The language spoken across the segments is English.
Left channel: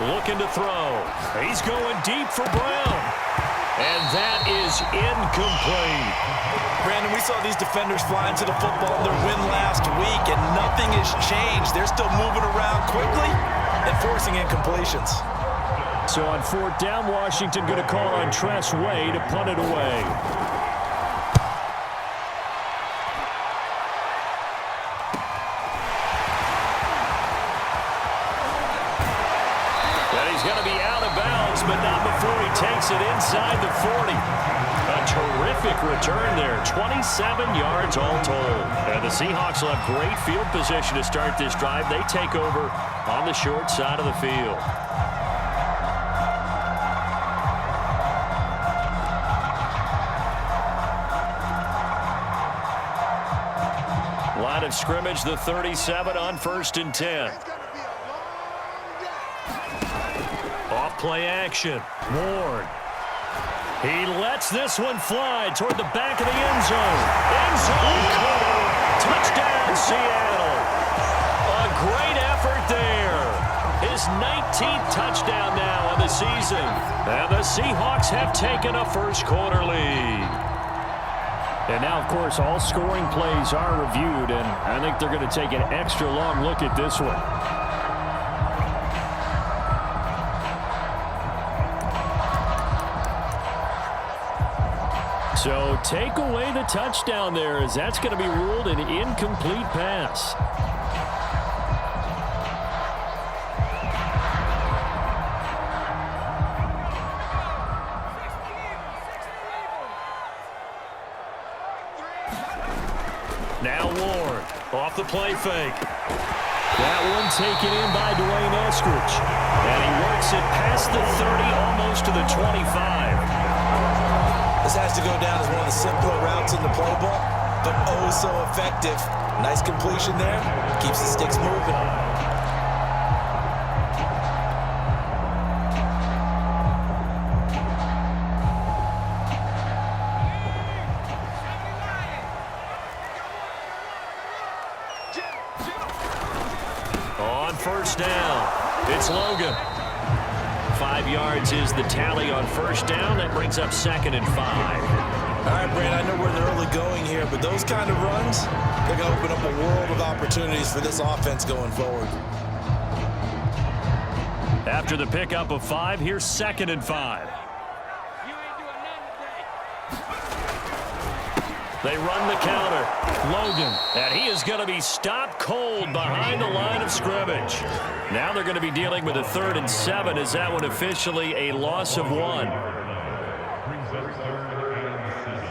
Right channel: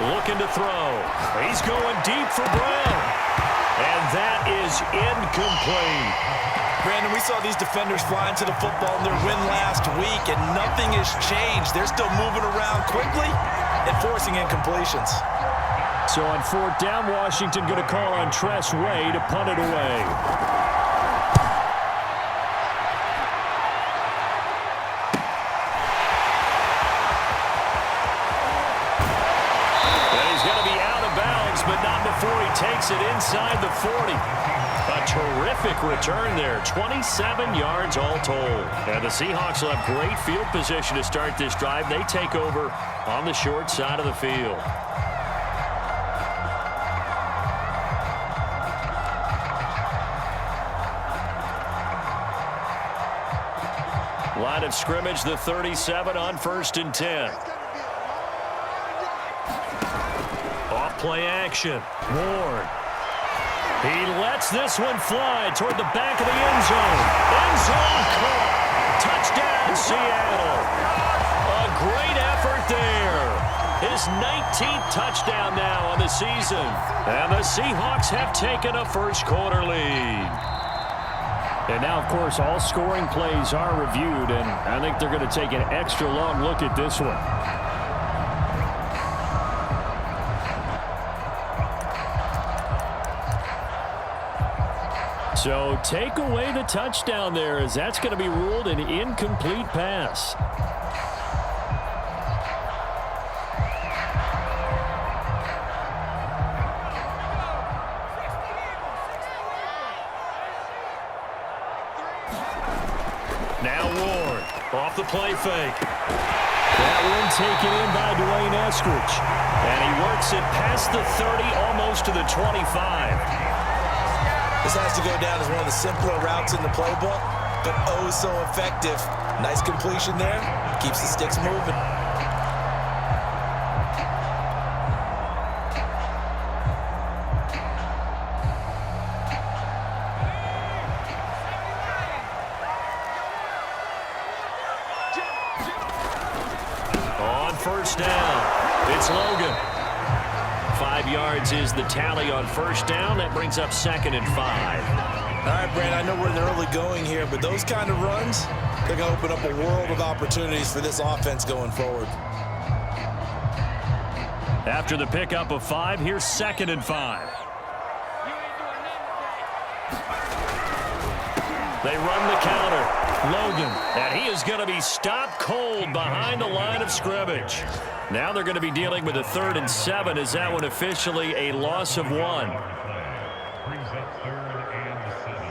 looking to throw. He's going deep for Brown. And that is incomplete. Brandon, we saw these defenders fly into the football in their win last week, and nothing has changed. They're still moving around quickly and forcing incompletions. So on 4th down, Washington going to call on Tress Way to punt it away. He's going to be out of bounds, but not before he takes it inside the 40. A terrific return there, 27 yards all told. And the Seahawks will have great field position to start this drive. They take over on the short side of the field. Line of scrimmage, the 37 on 1st and 10. Off play action. Ward. He lets this one fly toward the back of the end zone. End zone caught. Touchdown, Seattle. A great effort there. His 19th touchdown now on the season. And the Seahawks have taken a first quarter lead. And now, of course, all scoring plays are reviewed, and I think they're going to take an extra long look at this one. So take away the touchdown there, as that's going to be ruled an incomplete pass. Now Ward off the play fake. That one taken in by Dwayne Eskridge. And he works it past the 30, almost to the 25. This has to go down as one of the simpler routes in the playbook, but oh so effective. Nice completion there. Keeps the sticks moving. On 1st down, it's Logan. 5 yards is the tally on 1st down. That brings up 2nd and 5. All right, Brand, I know we're in the early going here, but those kind of runs, they're going to open up a world of opportunities for this offense going forward. After the pickup of 5, here's 2nd and 5. They run the counter. Logan, and he is going to be stopped cold behind the line of scrimmage. Now they're going to be dealing with a 3rd and 7. Is that one officially a loss of 1? Brings up 3rd and 7.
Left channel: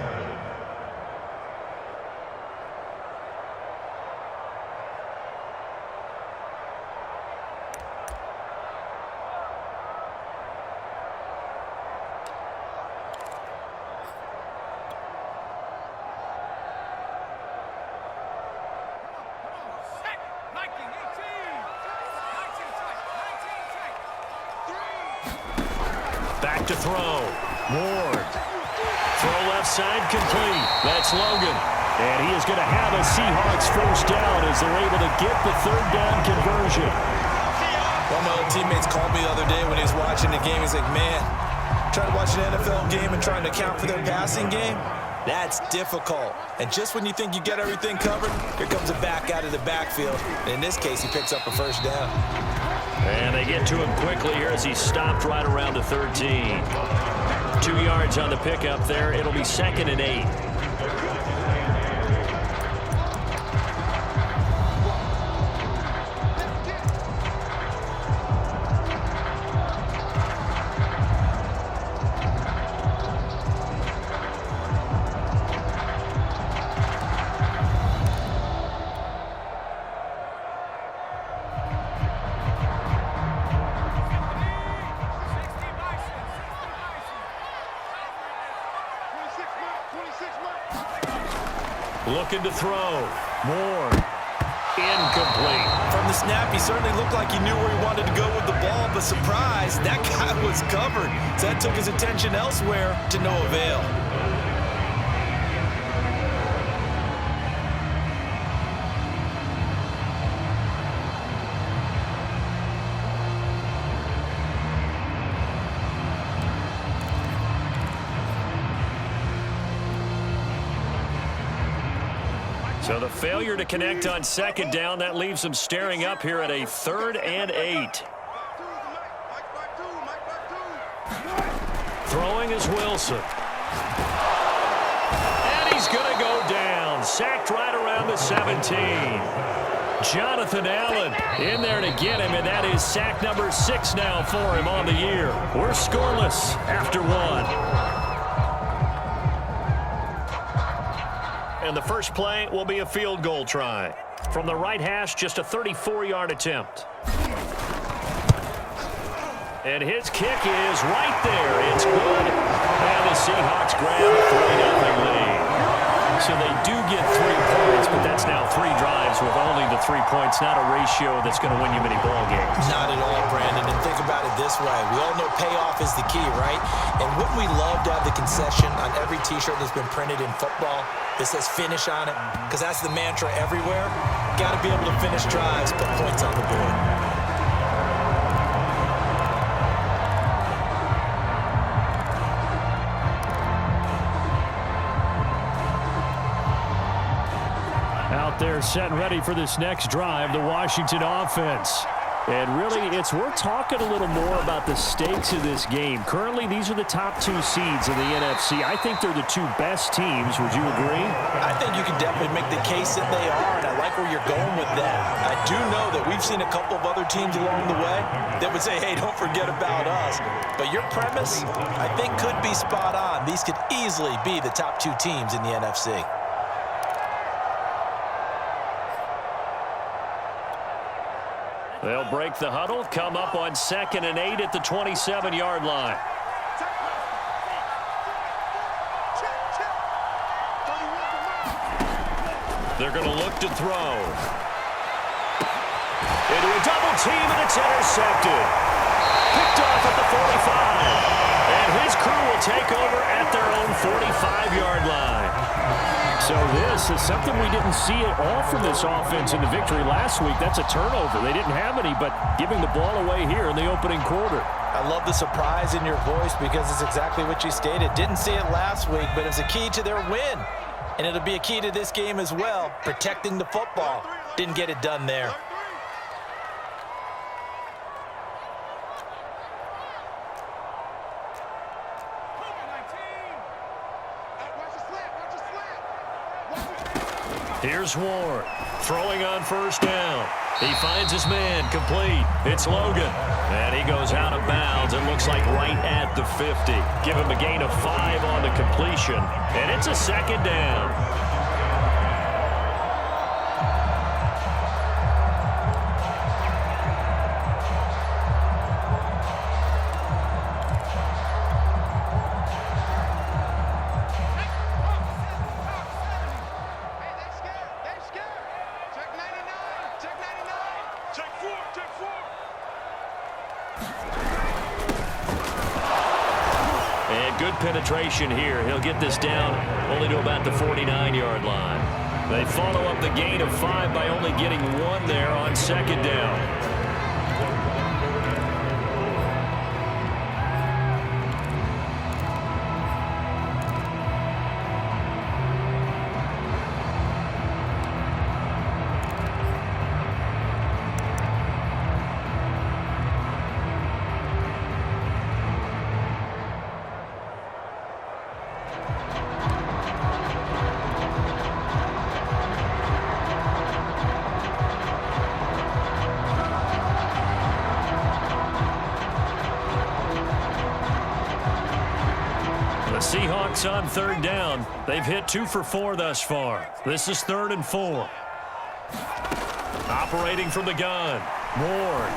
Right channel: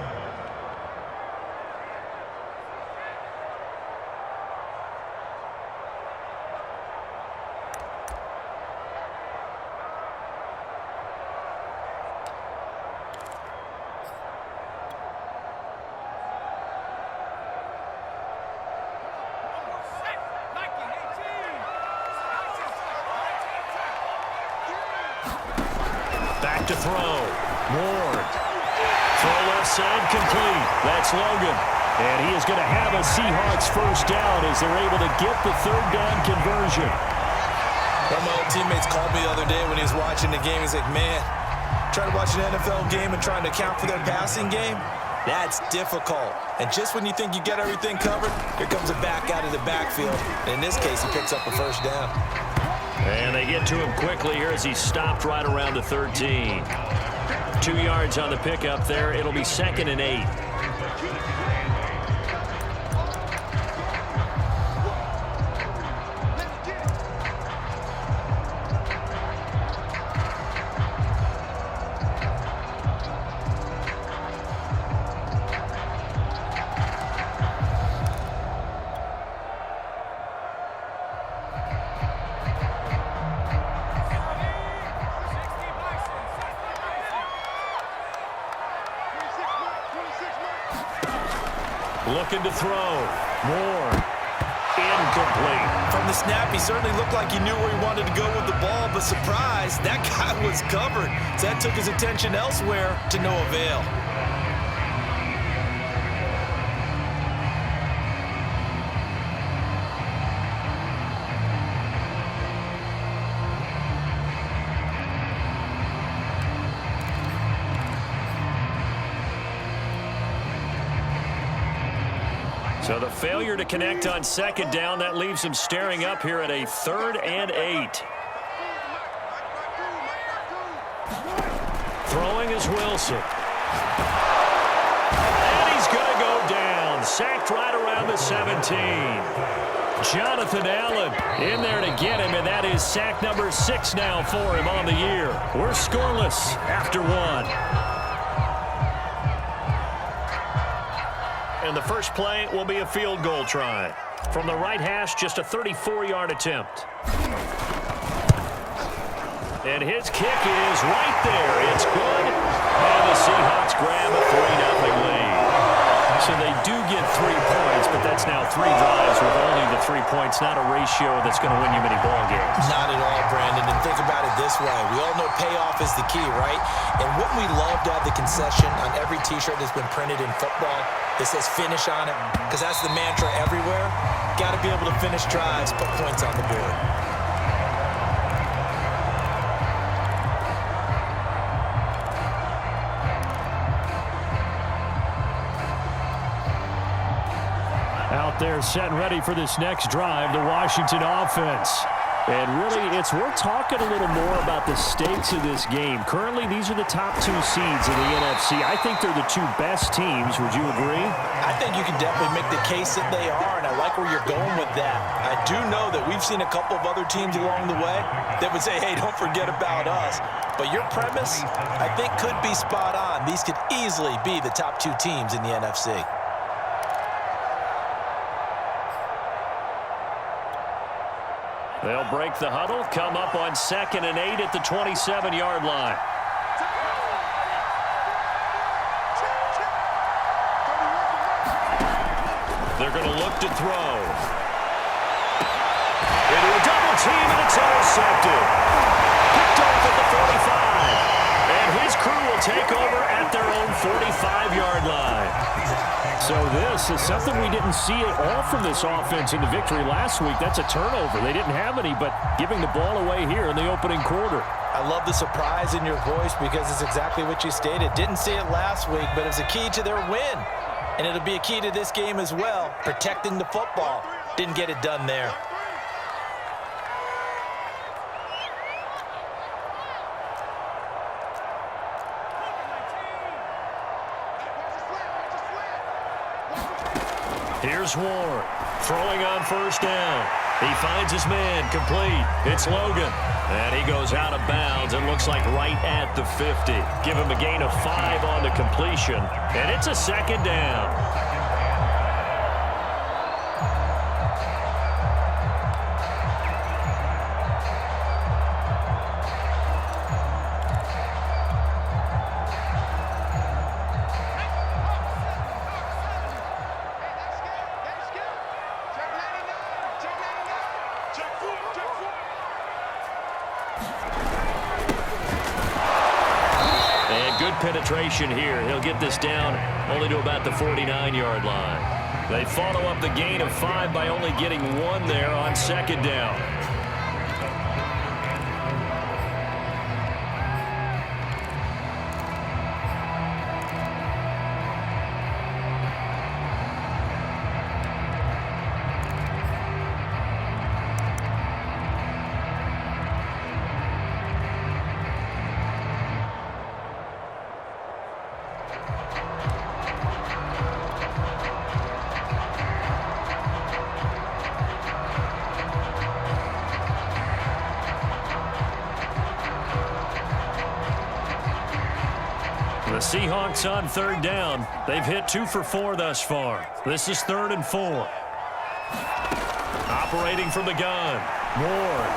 Back to throw. Ward. Throw left side complete. That's Logan. And he is going to have a Seahawks 1st down as they're able to get the 3rd down conversion. One of my old teammates called me the other day when he was watching the game. He's like, man, trying to watch an NFL game and trying to account for their passing game, that's difficult. And just when you think you get everything covered, here comes a back out of the backfield. And in this case, he picks up a 1st down. And they get to him quickly here as he stopped right around the 13. 2 yards on the pickup there. It'll be 2nd and 8. Looking to throw. Ward. Incomplete. From the snap, he certainly looked like he knew where he wanted to go with the ball, but surprise, that guy was covered. So that took his attention elsewhere to no avail. So the failure to connect on second down, that leaves them staring up here at a 3rd and 8. Throwing is Wilson. And he's going to go down. Sacked right around the 17. Jonathan Allen in there to get him, and that is sack number 6 now for him on the year. We're scoreless after 1. And the first play will be a field goal try. From the right hash, just a 34-yard attempt. And his kick is right there. It's good. And the Seahawks grab a 3-0 lead. So they do get 3 points, but that's now 3 drives with only the 3 points, not a ratio that's going to win you many ball games. Not at all, Brandon. And think about it this way. We all know payoff is the key, right? And wouldn't we love to have the concession on every T-shirt that's been printed in football that says finish on it? Because that's the mantra everywhere. Got to be able to finish drives, put points on the board. Out there set and ready for this next drive, the Washington offense. And really, it's worth talking a little more about the stakes of this game. Currently, these are the top 2 seeds in the NFC. I think they're the 2 best teams. Would you agree? I think you can definitely make the case that they are, and I like where you're going with that. I do know that we've seen a couple of other teams along the way that would say, hey, don't forget about us. But your premise, I think, could be spot on. These could easily be the top 2 teams in the NFC. They'll break the huddle, come up on 2nd and 8 at the 27-yard line. They're going to look to throw. Into a double team, and it's intercepted. Picked off at the 45. And his crew will take over at their own 45-yard line. So this is something we didn't see at all from this offense in the victory last week. That's a turnover. They didn't have any, but giving the ball away here in the opening quarter. I love the surprise in your voice because it's exactly what you stated. Didn't see it last week, but it was a key to their win. And it'll be a key to this game as well, protecting the football. Didn't get it done there. Here's Ward, throwing on 1st down. He finds his man, complete. It's Logan. And he goes out of bounds. It looks like right at the 50. Give him a gain of 5 on the completion. And it's a 2nd down. Good penetration here. He'll get this down only to about the 49-yard line. They follow up the gain of 5 by only getting 1 there on 2nd down. The Seahawks on 3rd down. They've hit 2 for 4 thus far. This is 3rd and 4. Operating from the gun, Ward.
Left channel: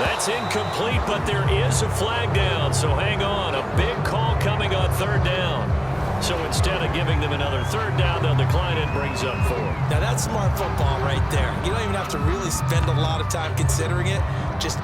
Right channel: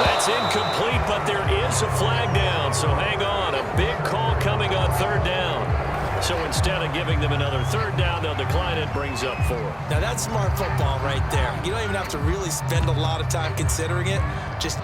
That's incomplete, but there is a flag down, so hang on. A big call coming on 3rd down. So instead of giving them another 3rd down, they'll decline it, brings up 4. Now that's smart football right there. You don't even have to really spend a lot of time considering it. Just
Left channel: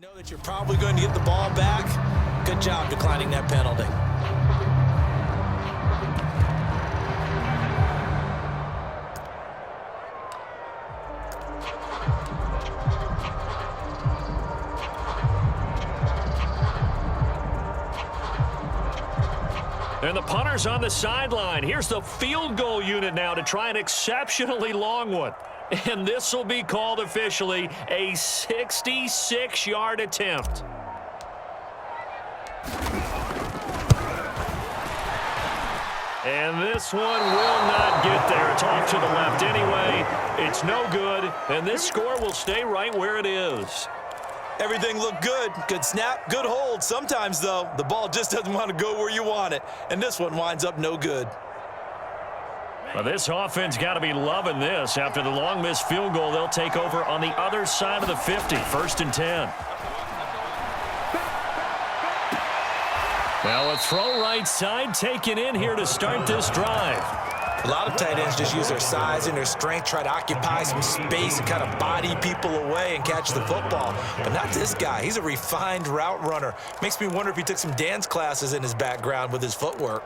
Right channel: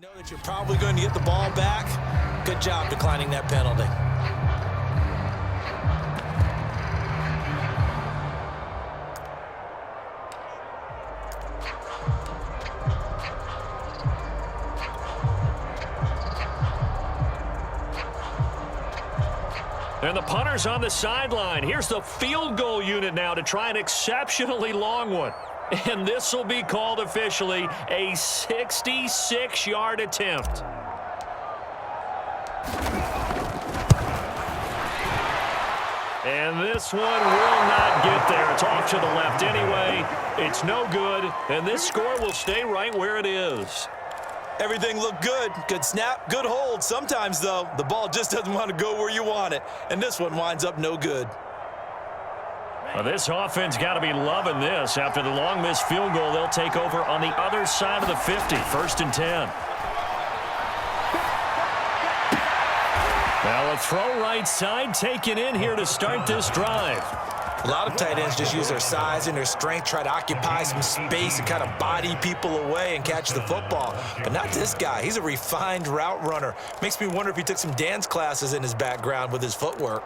Know that you're probably going to get the ball back. Good job declining that penalty. And the punter's on the sideline. Here's the field goal unit now to try an exceptionally long one. And this will be called officially a 66-yard attempt. And this one will not get there. It's off to the left anyway. It's no good, and this score will stay right where it is. Everything looked good. Good snap, good hold. Sometimes, though, the ball just doesn't want to go where you want it. And this one winds up no good. Well, this offense got to be loving this. After the long missed field goal, they'll take over on the other side of the 50, 1st and 10. Now a throw right side taken in here to start this drive. A lot of tight ends just use their size and their strength, try to occupy some space and kind of body people away and catch the football. But not this guy. He's a refined route runner. Makes me wonder if he took some dance classes in his background with his footwork.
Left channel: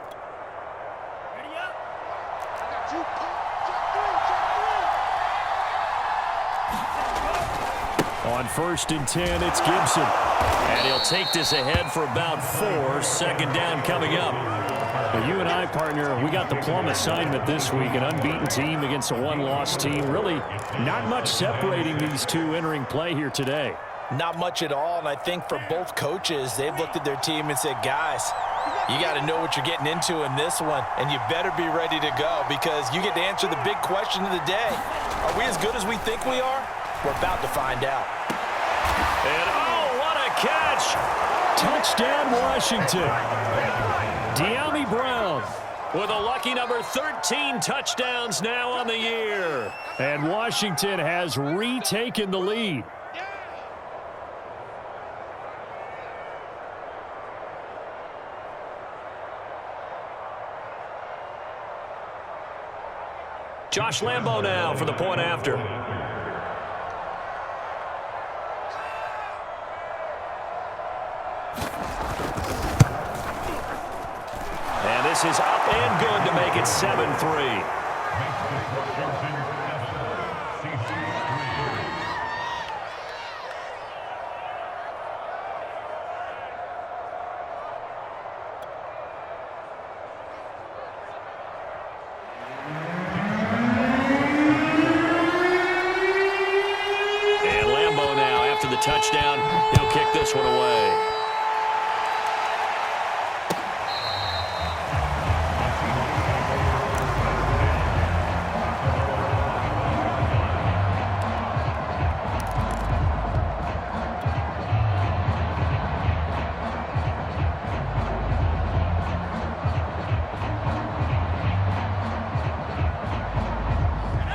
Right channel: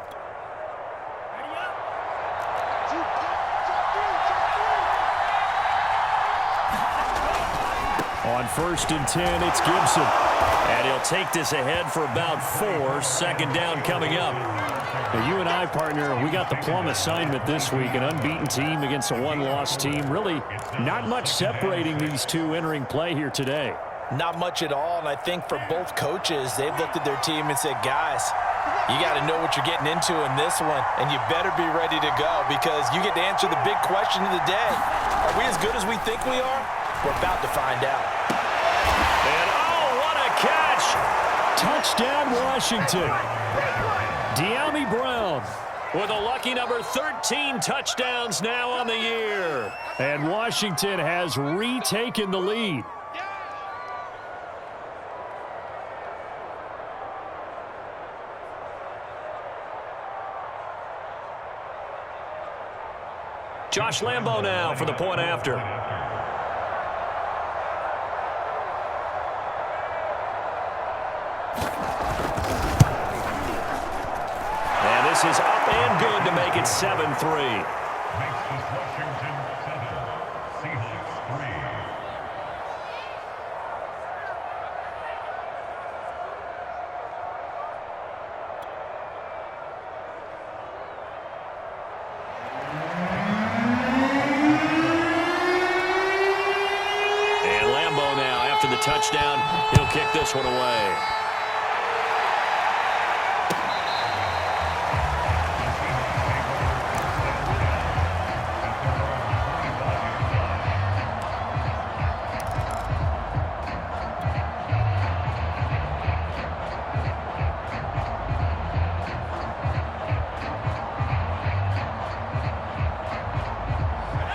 On 1st and 10, it's Gibson. And he'll take this ahead for about 4. 2nd down coming up. Now, you and I, partner, we got the plum assignment this week. An unbeaten team against a one-loss team. Really not much separating these two entering play here today. Not much at all, and I think for both coaches, they've looked at their team and said, guys, you got to know what you're getting into in this one, and you better be ready to go because you get to answer the big question of the day. Are we as good as we think we are? We're about to find out. And, oh, what a catch! Touchdown, Washington. De'Ami Brown with a lucky number 13 touchdowns now on the year. And Washington has retaken the lead. Josh Lambo now for the point after. And this is up and good to make it 7-3. Makes this Washington 7, Seahawks 3. And Lambo now, after the touchdown, he'll kick this one away.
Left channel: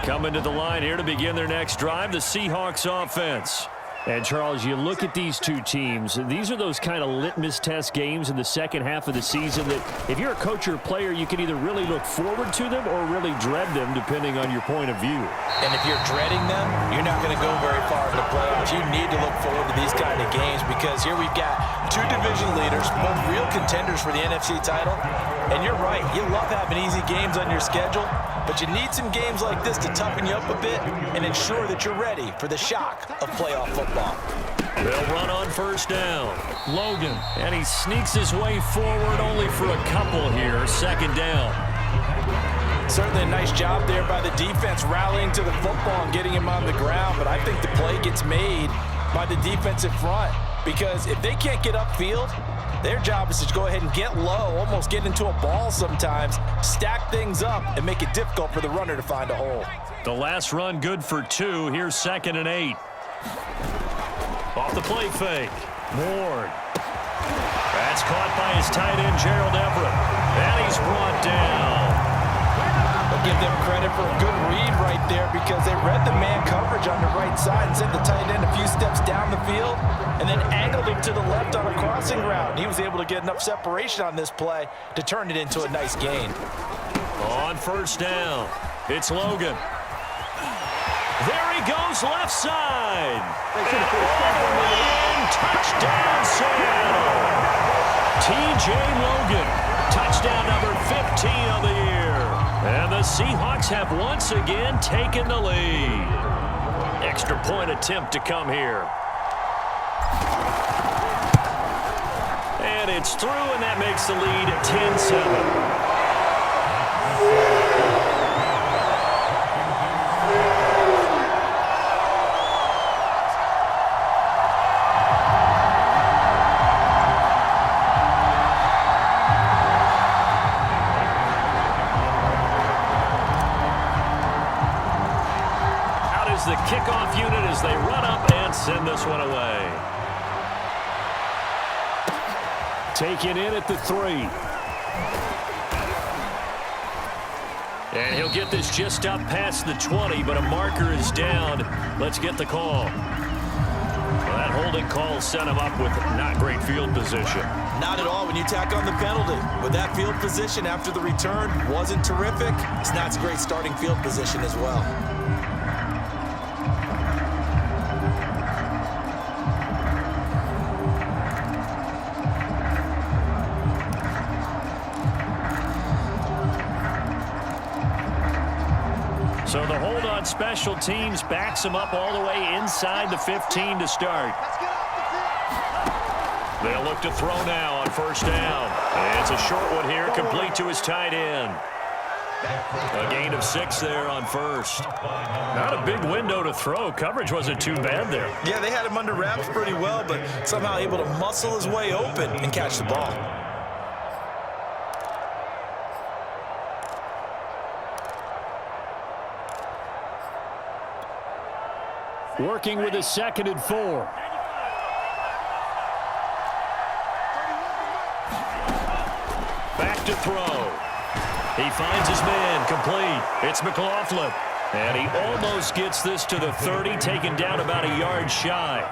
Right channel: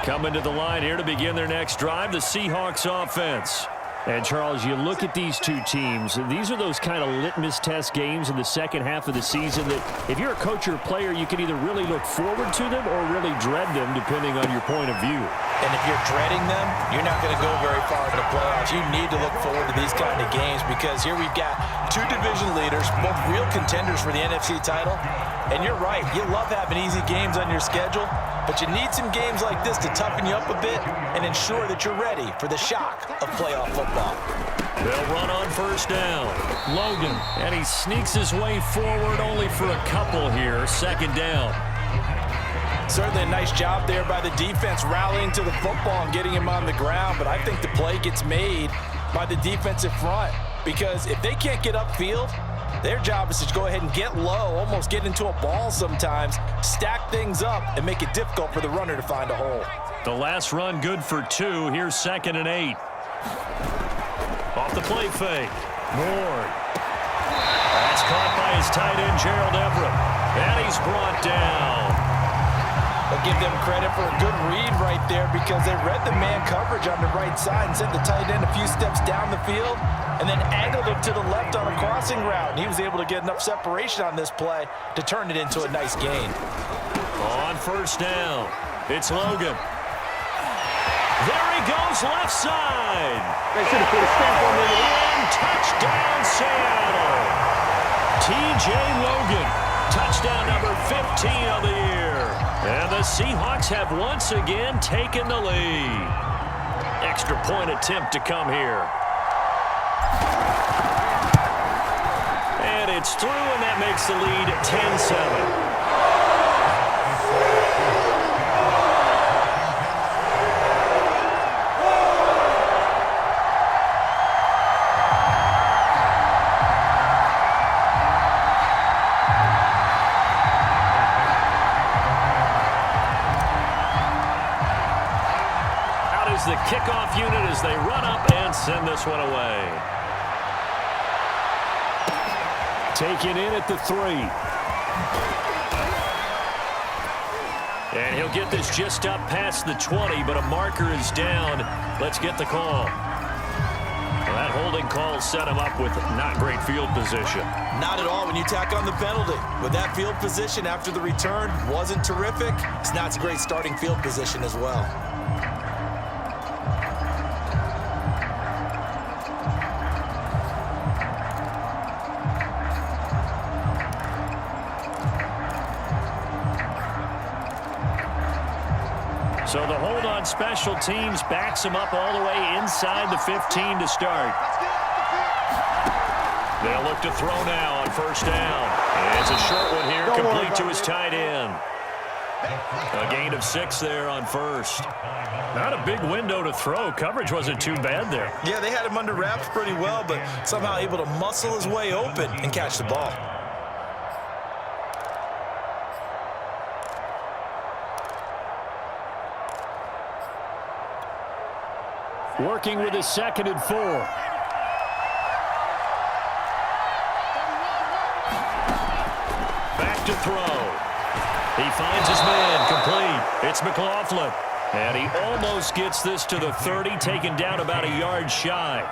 Coming to the line here to begin their next drive, the Seahawks offense. And, Charles, you look at these two teams, these are those kind of litmus test games in the second half of the season that if you're a coach or a player, you can either really look forward to them or really dread them, depending on your point of view. And if you're dreading them, you're not going to go very far in the playoffs. You need to look forward to these kind of games because here we've got two division leaders, both real contenders for the NFC title. And you're right, you love having easy games on your schedule, but you need some games like this to toughen you up a bit and ensure that you're ready for the shock of playoff football. They'll run on 1st down. Logan, and he sneaks his way forward only for a couple here. 2nd down. Certainly a nice job there by the defense rallying to the football and getting him on the ground, but I think the play gets made by the defensive front because if they can't get upfield, their job is to go ahead and get low, almost get into a ball sometimes, stack things up, and make it difficult for the runner to find a hole. The last run good for 2. Here's 2nd and 8. Off the play fake. Ward. That's caught by his tight end, Gerald Everett. And he's brought down. I'll give them credit for a good read right there because they read the man coverage on the right side and sent the tight end a few steps down the field and then angled him to the left on a crossing route. And he was able to get enough separation on this play to turn it into a nice gain. On 1st down, it's Logan. There he goes left side. And all the way in, touchdown Seattle. T.J. Logan, touchdown number 15 of the year. And the Seahawks have once again taken the lead. Extra point attempt to come here. And it's through, and that makes the lead 10-7. The kickoff unit as they run up and send this one away. Taken in at the 3. And he'll get this just up past the 20, but a marker is down. Let's get the call. Well, that holding call set him up with not great field position. Not at all when you tack on the penalty. With that field position after the return wasn't terrific, it's not a great starting field position as well. So the hold on special teams backs him up all the way inside the 15 to start. They'll look to throw now on first down. And it's a short one here, complete to his tight end. A gain of 6 there on first. Not a big window to throw. Coverage wasn't too bad there. Yeah, they had him under wraps pretty well, but somehow able to muscle his way open and catch the ball. Working with a 2nd and 4. Back to throw. He finds his man, complete. It's McLaughlin. And he almost gets this to the 30, taken down about a yard shy.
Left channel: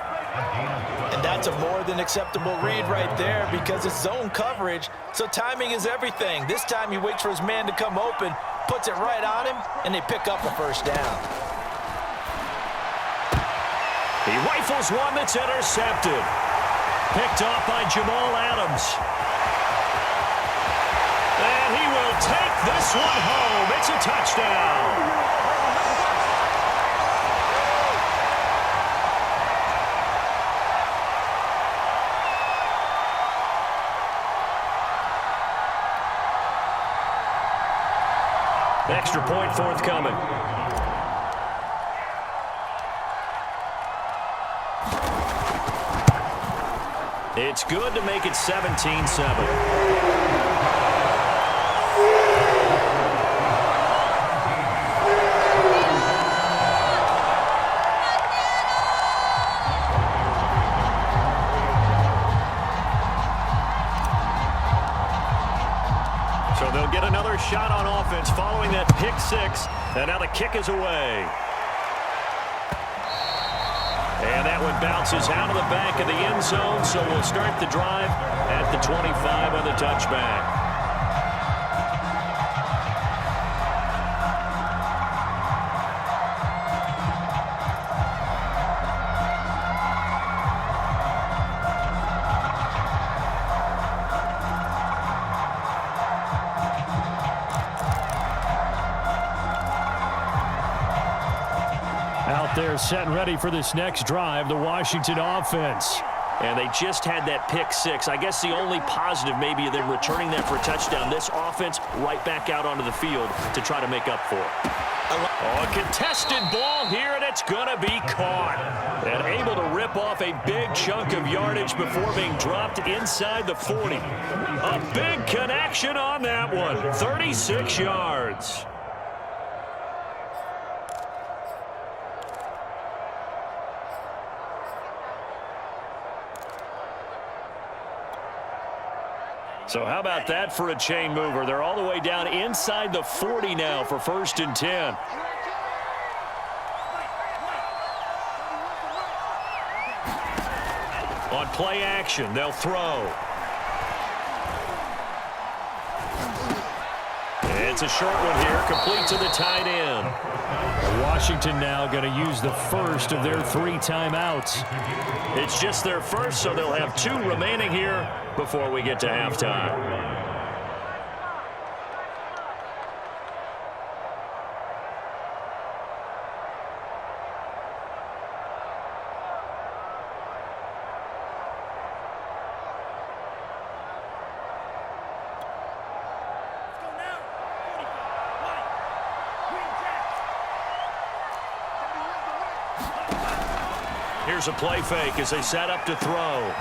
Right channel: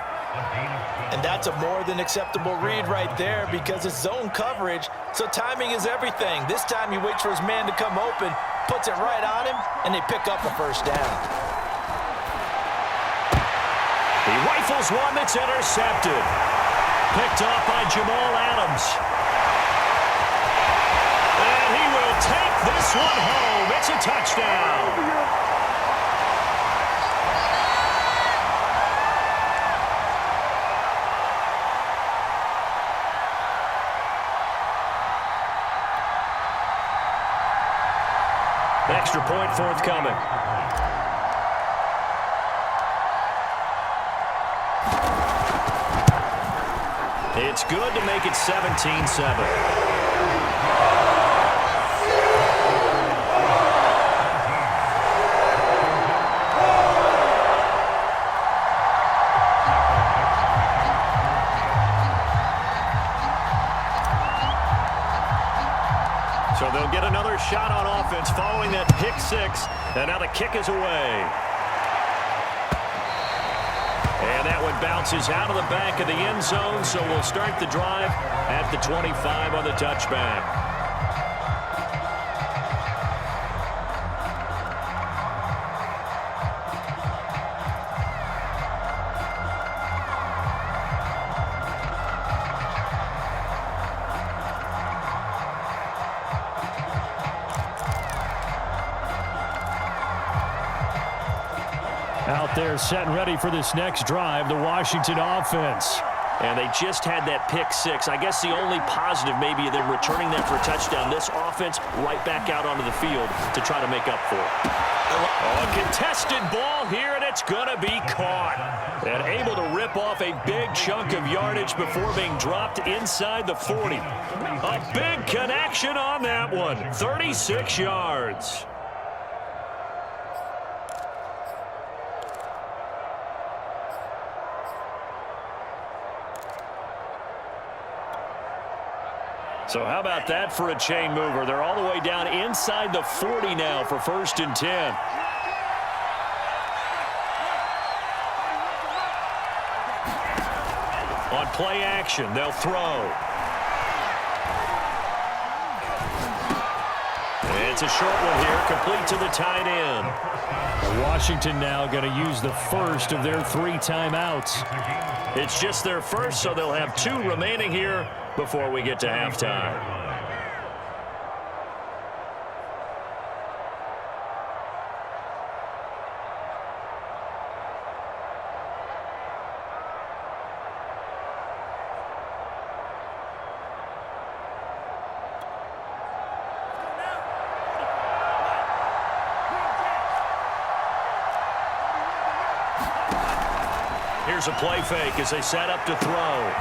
And that's a more than acceptable read right there because it's zone coverage, so timing is everything. This time he waits for his man to come open, puts it right on him, and they pick up a first down. He rifles one that's intercepted. Picked off by Jamal Adams. And he will take this one home. It's a touchdown. Extra point forthcoming. It's good to make it 17-7. So they'll get another shot on offense following that pick 6, and now the kick is away. And that one bounces out of the back of the end zone, so we'll start the drive at the 25 on the touchback. Out there set and ready for this next drive, the Washington offense. And they just had that pick 6. I guess the only positive maybe of them returning that for a touchdown. This offense right back out onto the field to try to make up for it. Oh, a contested ball here, and it's going to be caught. And able to rip off a big chunk of yardage before being dropped inside the 40. A big connection on that one. 36 yards. So how about that for a chain mover? They're all the way down inside the 40 now for 1st and 10. On play action, they'll throw. It's a short one here, complete to the tight end. Washington now going to use the first of their 3 timeouts. It's just their first, so they'll have 2 remaining here before we get to halftime. Here's a play fake as they set up to throw.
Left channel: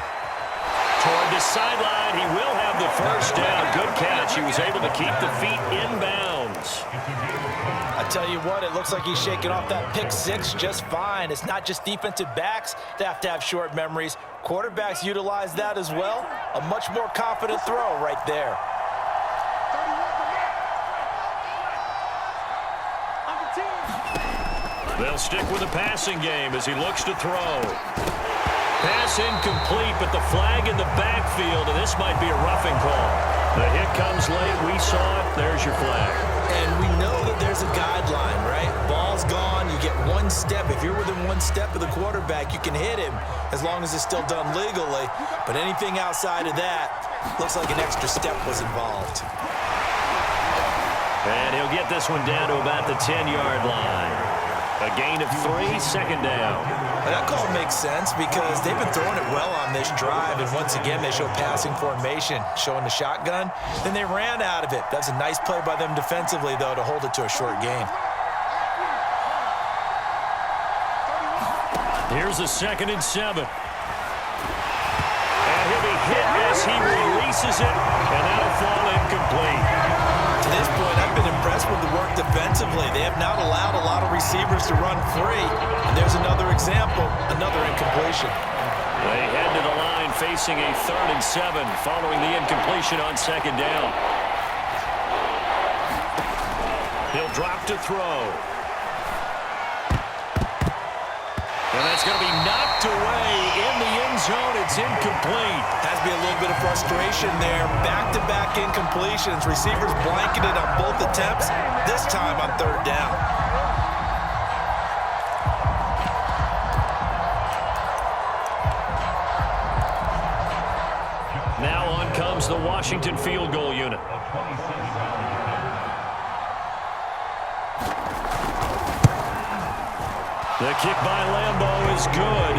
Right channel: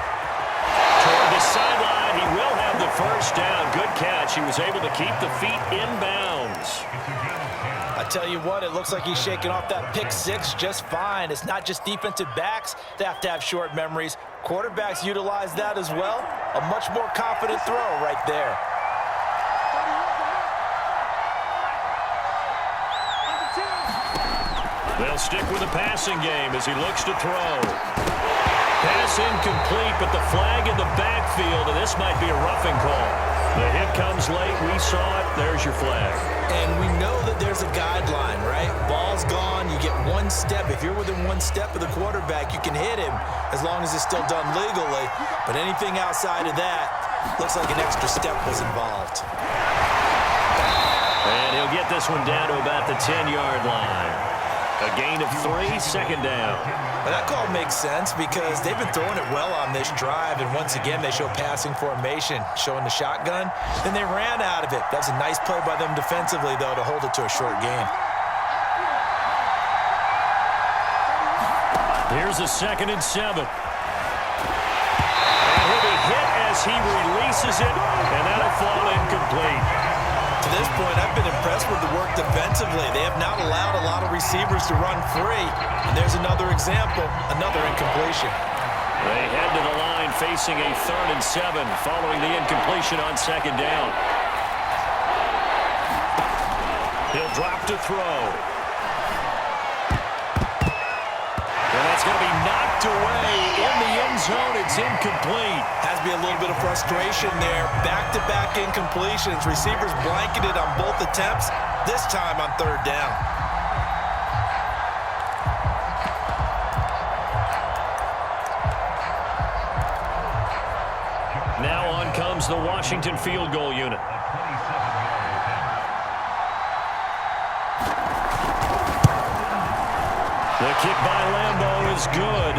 Toward the sideline, he will have the first down. Good catch. He was able to keep the feet in bounds. I tell you what, it looks like he's shaking off that pick 6 just fine. It's not just defensive backs that have to have short memories. Quarterbacks utilize that as well. A much more confident throw right there. They'll stick with the passing game as he looks to throw. Pass incomplete, but the flag in the backfield, and this might be a roughing call. The hit comes late. We saw it. There's your flag. And we know that there's a guideline, right? Ball's gone. You get 1 step. If you're within 1 step of the quarterback, you can hit him as long as it's still done legally. But anything outside of that, looks like an extra step was involved. And he'll get this one down to about the 10-yard line. A gain of 3, second down. Well, that call makes sense because they've been throwing it well on this drive, and once again, they show passing formation, showing the shotgun. Then they ran out of it. That's a nice play by them defensively, though, to hold it to a short game. Here's a 2nd and 7. And he'll be hit as he releases it, and that'll fall incomplete. To this point, I've been impressed with the work defensively. They have not allowed a lot of receivers to run free. And there's another example, another incompletion. They head to the line facing a 3rd and 7 following the incompletion on 2nd down. He'll drop to throw. And that's going to be knocked away in the end zone. It's incomplete. Has to be a little bit of frustration there. Back-to-back incompletions. Receivers blanketed on both attempts, this time on 3rd down. Now on comes the Washington field goal unit. The kick by Lambeau is good,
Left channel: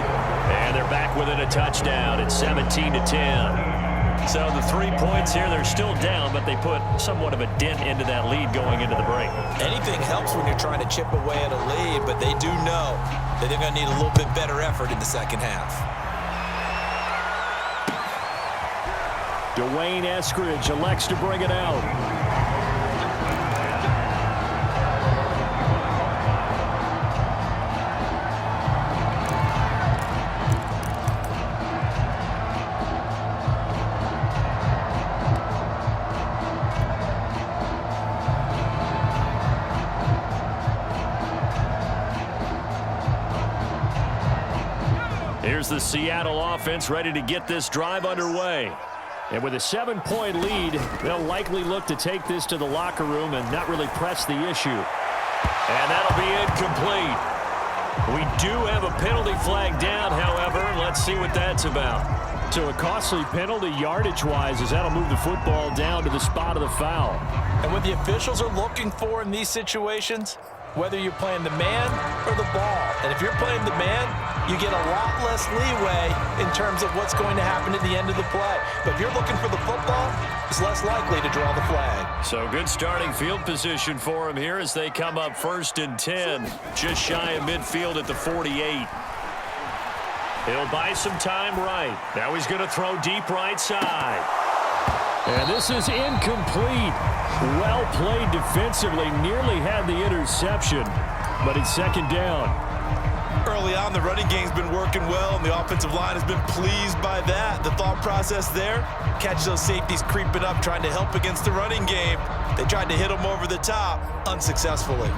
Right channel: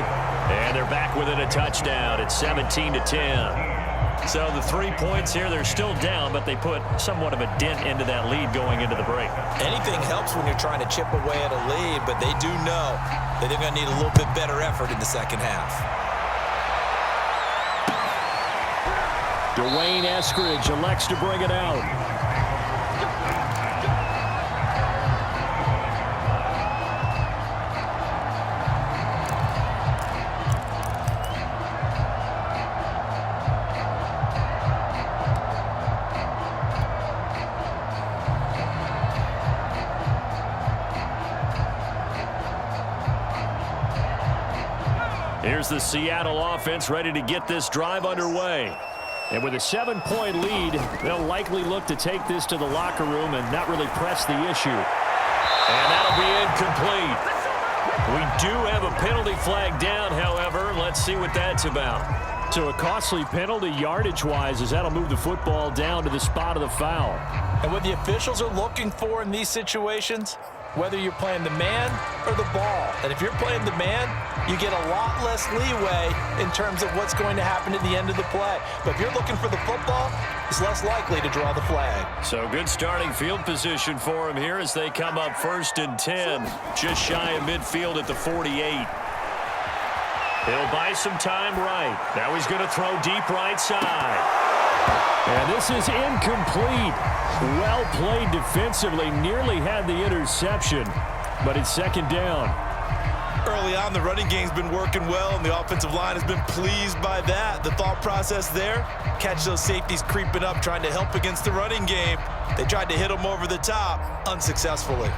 and they're back within a touchdown. It's 17-10. So the 3 points here, they're still down, but they put somewhat of a dent into that lead going into the break. Anything helps when you're trying to chip away at a lead, but they do know that they're going to need a little bit better effort in the second half. Dwayne Eskridge elects to bring it out. Here's the Seattle offense ready to get this drive underway. And with a 7-point lead, they'll likely look to take this to the locker room and not really press the issue. And that'll be incomplete. We do have a penalty flag down, however. Let's see what that's about. So a costly penalty yardage-wise as that'll move the football down to the spot of the foul. And what the officials are looking for in these situations, whether you're playing the man or the ball. And if you're playing the man, you get a lot less leeway in terms of what's going to happen at the end of the play. But if you're looking for the football, it's less likely to draw the flag. So good starting field position for him here as they come up 1st and 10, just shy of midfield at the 48. He'll buy some time right. Now he's going to throw deep right side. And this is incomplete. Well played defensively, nearly had the interception, but it's 2nd down. Early on, the running game's been working well, and the offensive line has been pleased by that. The thought process there, catch those safeties creeping up, trying to help against the running game. They tried to hit them over the top, unsuccessfully.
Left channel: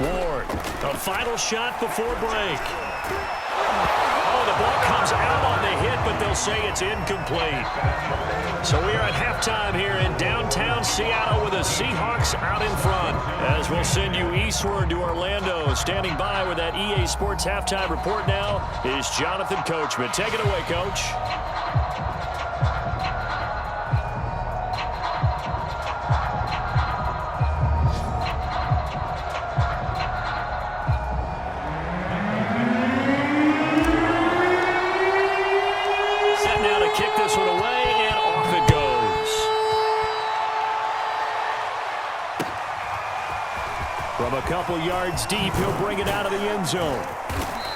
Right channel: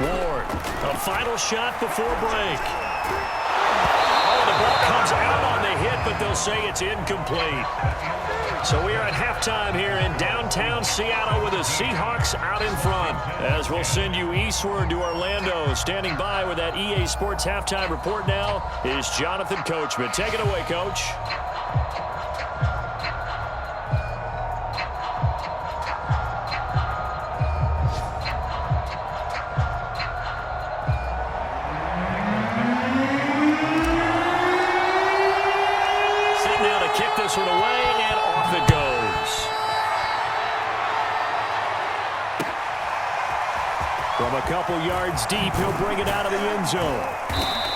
Ward, a final shot before break. Oh, the ball comes out on the hit, but they'll say it's incomplete. So we are at halftime here in downtown Seattle with the Seahawks out in front. As we'll send you eastward to Orlando. Standing by with that EA Sports halftime report now is Jonathan Coachman. Take it away, Coach. Set now to kick this one away, and off it goes. From a couple yards deep, he'll bring it out of the end zone.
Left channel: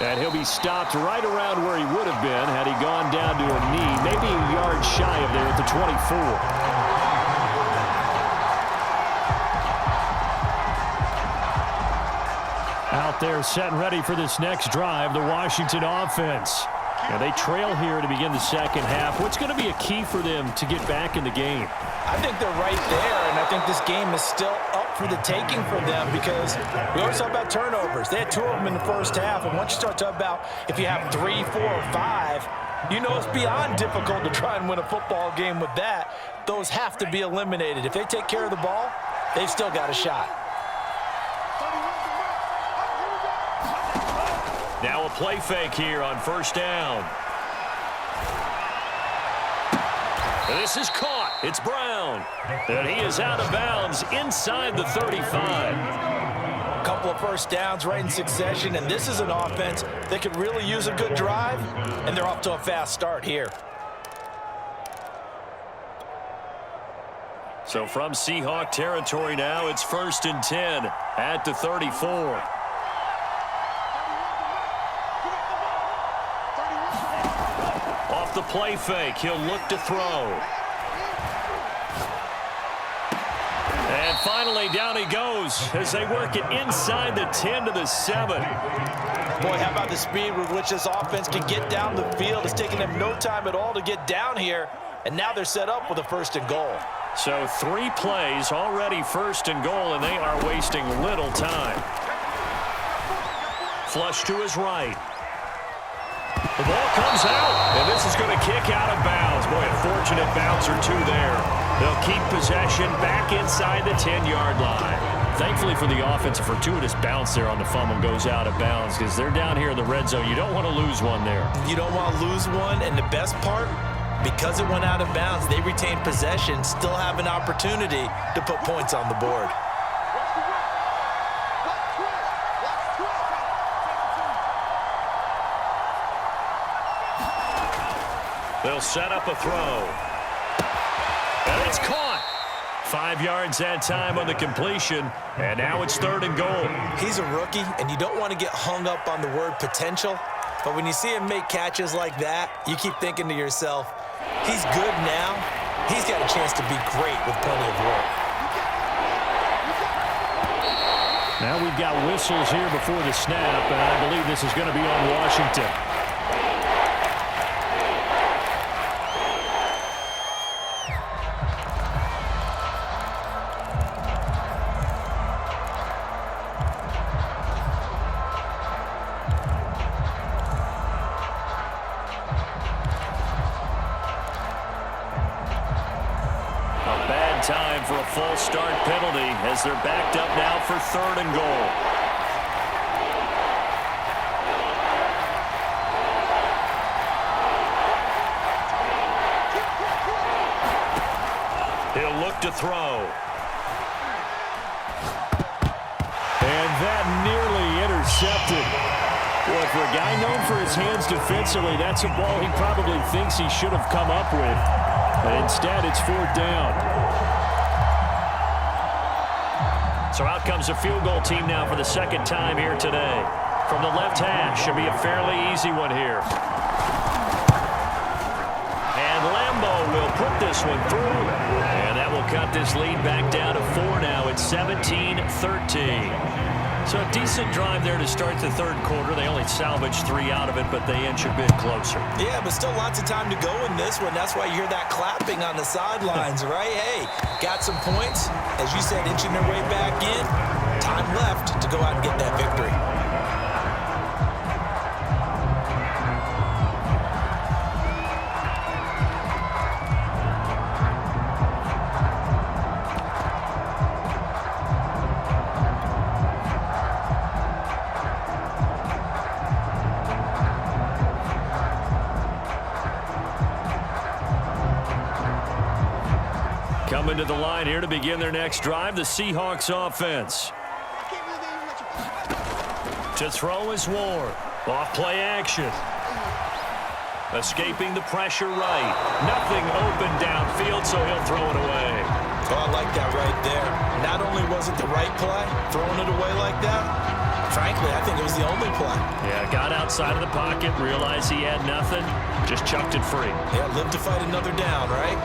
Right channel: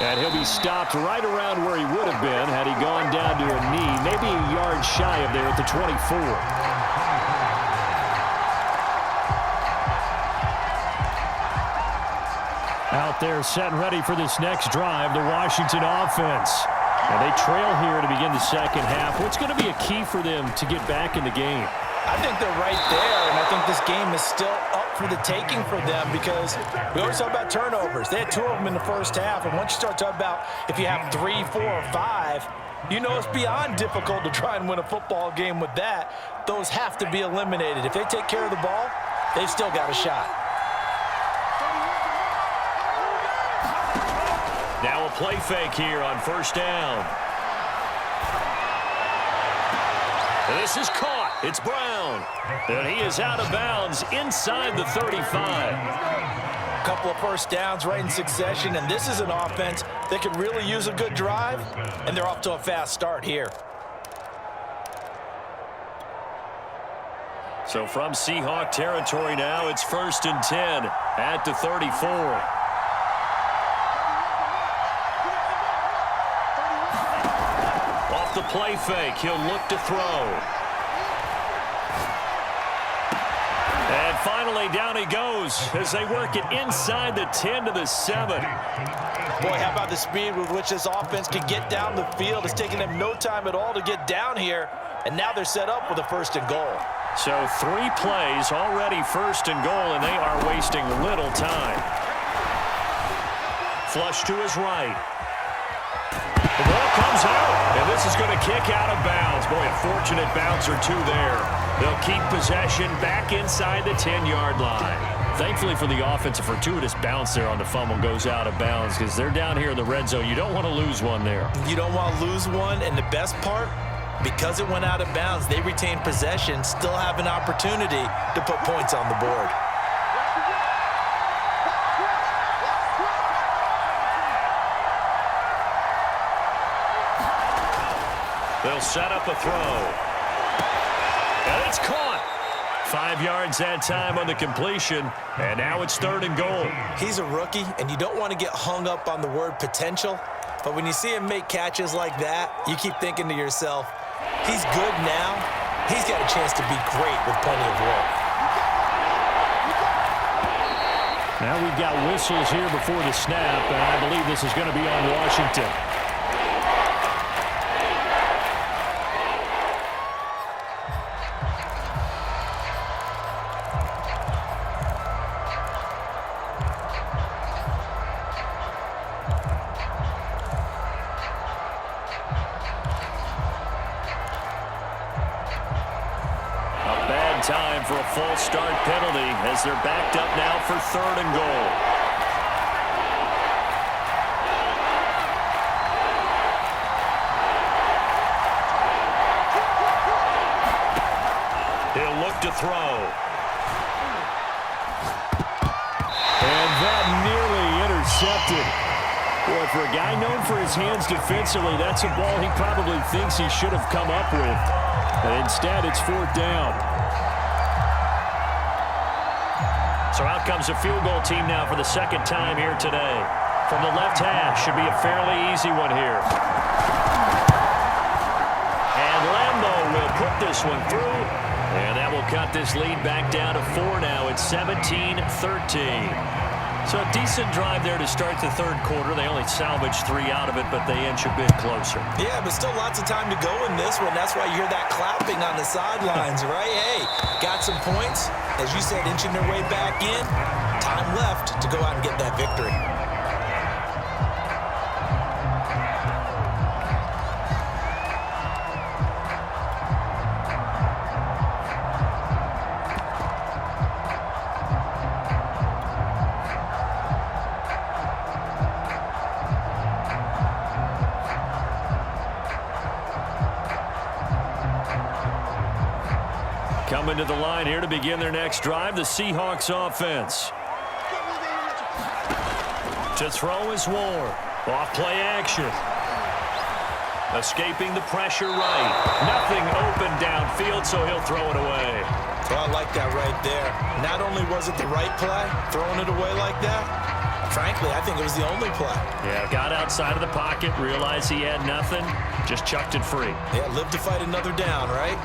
And he'll be stopped right around where he would have been had he gone down to a knee, maybe a yard shy of there at the 24. Out there set and ready for this next drive, the Washington offense. And they trail here to begin the second half. What's going to be a key for them to get back in the game? I think they're right there, and I think this game is still up for the taking for them because we always talk about turnovers. They had 2 of them in the first half, and once you start talking about if you have 3, 4, or 5, you know it's beyond difficult to try and win a football game with that. Those have to be eliminated. If they take care of the ball, they've still got a shot. Now a play fake here on first down. And this is caught. It's Brown. And he is out of bounds inside the 35. A couple of first downs right in succession, and this is an offense that could really use a good drive, and they're off to a fast start here. So from Seahawk territory now, it's 1st and 10 at the 34. Off the play fake, he'll look to throw. And finally, down he goes as they work it inside the 10 to the 7. Boy, how about the speed with which this offense can get down the field? It's taking them no time at all to get down here, and now they're set up with a 1st and goal. So 3 plays already 1st and goal, and they are wasting little time. Flush to his right. The ball comes out, and this is going to kick out of bounds. Boy, a fortunate bounce or 2 there. They'll keep possession back inside the 10-yard line. Thankfully for the offense, a fortuitous bounce there on the fumble goes out of bounds because they're down here in the red zone. You don't want to lose one there. You don't want to lose one, and the best part, because it went out of bounds, they retain possession, still have an opportunity to put points on the board. They'll set up a throw. And it's caught. 5 yards that time on the completion, and now it's 3rd and goal. He's a rookie, and you don't want to get hung up on the word potential, but when you see him make catches like that, you keep thinking to yourself, he's good now. He's got a chance to be great with plenty of work. Now we've got whistles here before the snap, and I believe this is going to be on Washington. Time for a false start penalty as they're backed up now for 3rd and goal. He'll look to throw. And that nearly intercepted. Boy, for a guy known for his hands defensively, that's a ball he probably thinks he should have come up with. And instead, it's 4th down. So out comes a field goal team now for the 2nd time here today. From the left hash, should be a fairly easy one here. And Lambo will put this one through. And that will cut this lead back down to 4 now. It's 17-13. So a decent drive there to start the 3rd quarter. They only salvaged 3 out of it, but they inch a bit closer. Yeah, but still lots of time to go in this one. That's why you hear that clapping on the sidelines, right? Hey, got some points. As you said, inching their way back in. Time left to go out and get that victory. coming to the line here to begin their next drive. The Seahawks offense. To throw is Ward. Off play action. Escaping the pressure right. Nothing open downfield, so he'll throw it away. Oh, I like that right there. Not only was it the right play, throwing it away like that, frankly, I think it was the only play. Yeah, got outside of the pocket, realized he had nothing, just chucked it free. Yeah, live to fight another down, right?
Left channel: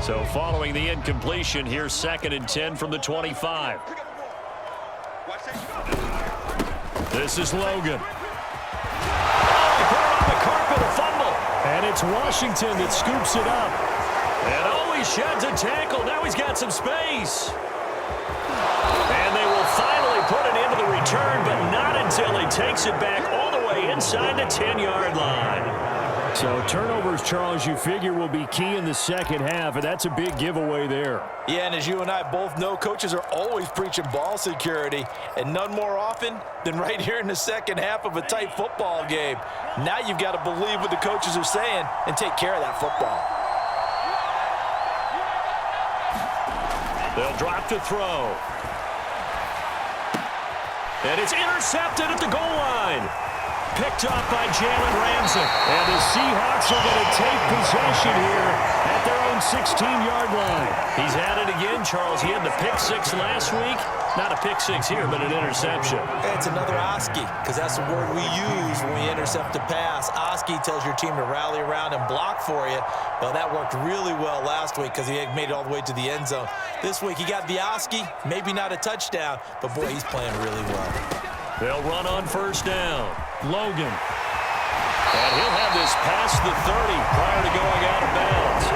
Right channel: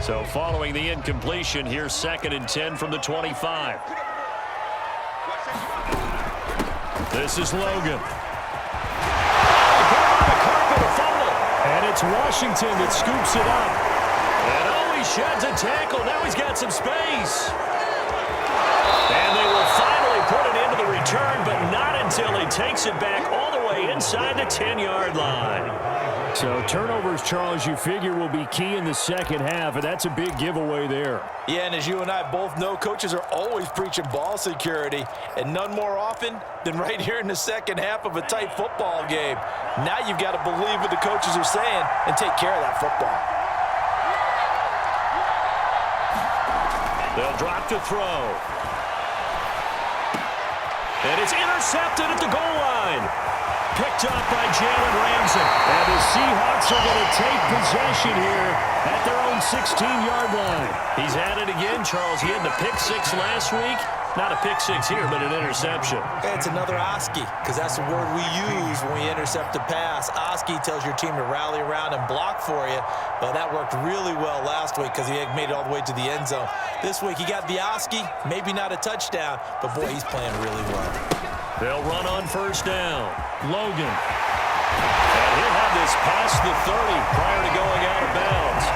So following the incompletion, here's 2nd and 10 from the 25. This is Logan. Oh, he put it on the carpet, a fumble. And it's Washington that scoops it up. And he sheds a tackle. Now he's got some space. And they will finally put it into the return, but not until he takes it back all the way inside the 10-yard line. So turnovers, Charles, you figure will be key in the second half, and that's a big giveaway there. Yeah, and as you and I both know, coaches are always preaching ball security, and none more often than right here in the second half of a tight football game. Now you've got to believe what the coaches are saying and take care of that football. They'll drop to throw. And it's intercepted at the goal line. Picked up by Jalen Ramsey. And the Seahawks are going to take possession here at their own 16-yard line. He's at it again, Charles. He had the pick six last week. Not a pick six here, but an interception. It's another Oski, because that's the word we use when we intercept a pass. Oski tells your team to rally around and block for you. Well, that worked really well last week because he had made it all the way to the end zone. This week he got the Oski, maybe not a touchdown, but boy, he's playing really well. They'll run on first down. Logan. And he'll have this past the 30 prior to going out of bounds.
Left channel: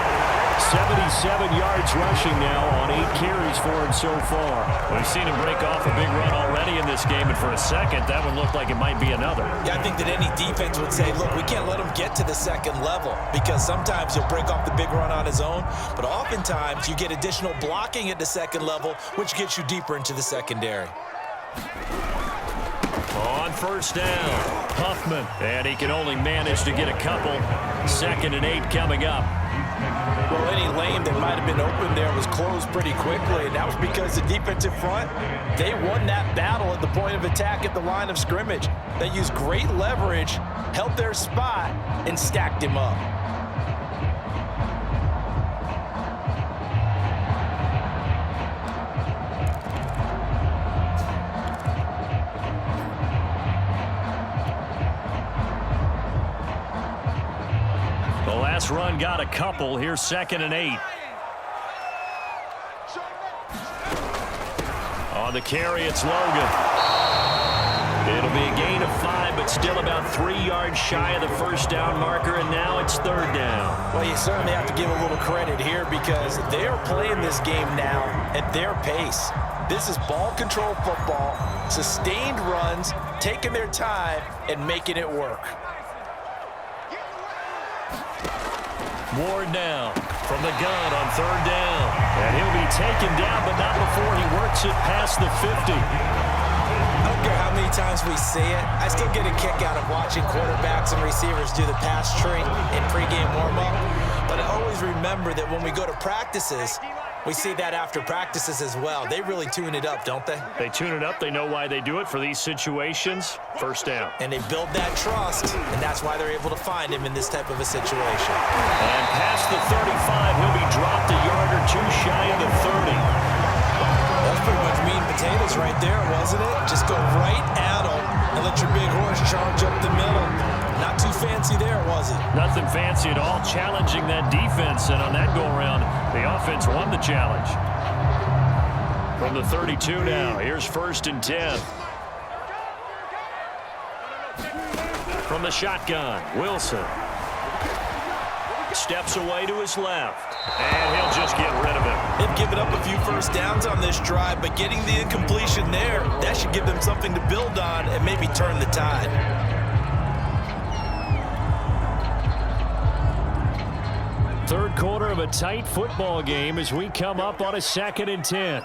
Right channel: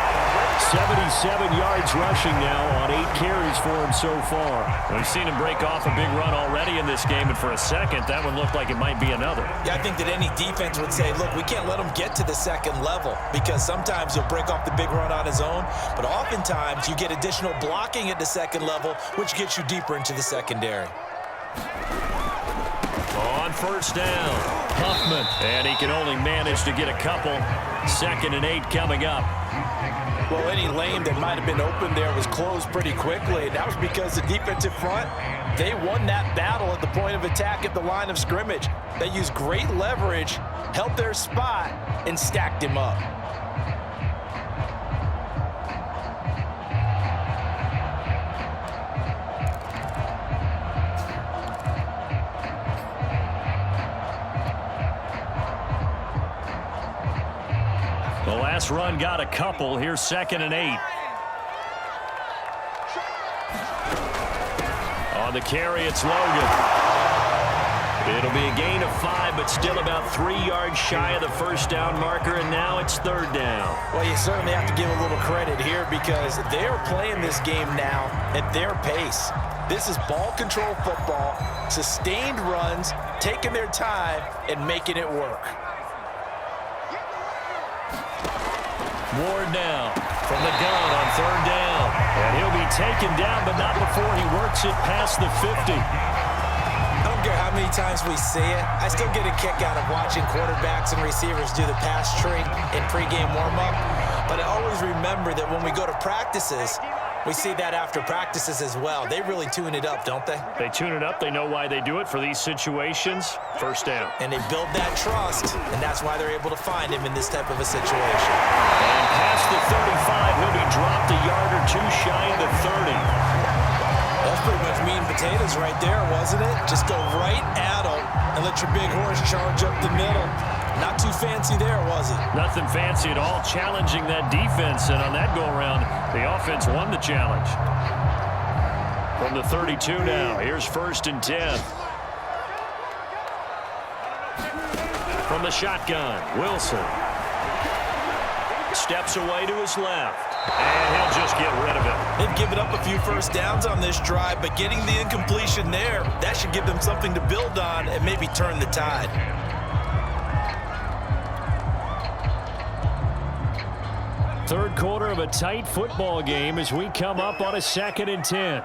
77 yards rushing now on 8 carries for him so far. We've seen him break off a big run already in this game, and for a second, that one looked like it might be another. Yeah, I think that any defense would say, look, we can't let him get to the second level because sometimes he'll break off the big run on his own, but oftentimes you get additional blocking at the second level, which gets you deeper into the secondary. On first down, Huffman, and he can only manage to get a couple. 2nd and 8 coming up. Well, any lane that might have been open there was closed pretty quickly, and that was because the defensive front, they won that battle at the point of attack at the line of scrimmage. They used great leverage, held their spot, and stacked him up. The last run got a couple. Here's 2nd and 8. On the carry, it's Logan. It'll be a gain of 5, but still about 3 yards shy of the first down marker, and now it's 3rd down. Well, you certainly have to give a little credit here because they are playing this game now at their pace. This is ball control football, sustained runs, taking their time, and making it work. Ward now from the gun on 3rd down. And he'll be taken down, but not before he works it past the 50. I don't care how many times we say it, I still get a kick out of watching quarterbacks and receivers do the pass tree in pregame warm-up. But I always remember that when we go to practices, we see that after practices as well. They really tune it up, don't they? They tune it up. They know why they do it for these situations. First down. And they build that trust, and that's why they're able to find him in this type of a situation. And past the 35, he'll be dropped a yard or 2 shy of the 30. That's pretty much meat and potatoes right there, wasn't it? Just go right at him and let your big horse charge up the middle. Not too fancy there, was it? Nothing fancy at all, challenging that defense. And on that go-around, the offense won the challenge. From the 32 now, here's 1st and 10. From the shotgun, Wilson. Steps away to his left. And he'll just get rid of it. They've given up a few first downs on this drive, but getting the incompletion there, that should give them something to build on and maybe turn the tide. Third quarter of a tight football game as we come up on a 2nd and 10.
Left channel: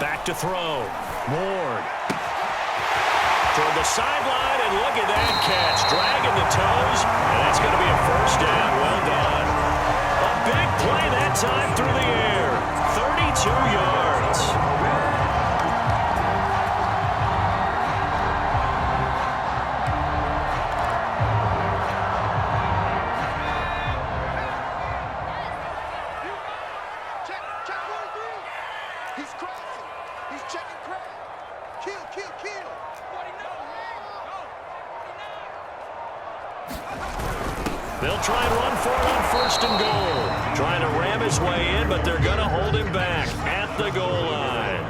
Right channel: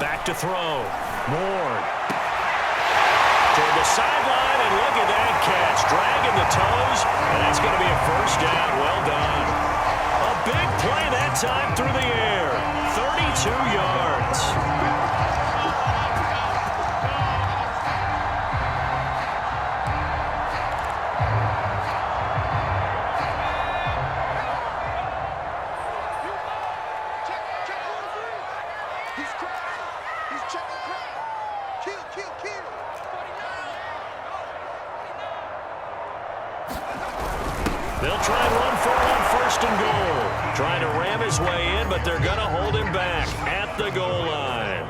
Back to throw. Ward. toward the sideline, and look at that catch. Dragging the toes, and that's going to be a first down. Well done. A big play that time through the air. 32 yards. They'll try and run for it on first and goal. Trying to ram his way in, but they're going to hold him back at the goal line.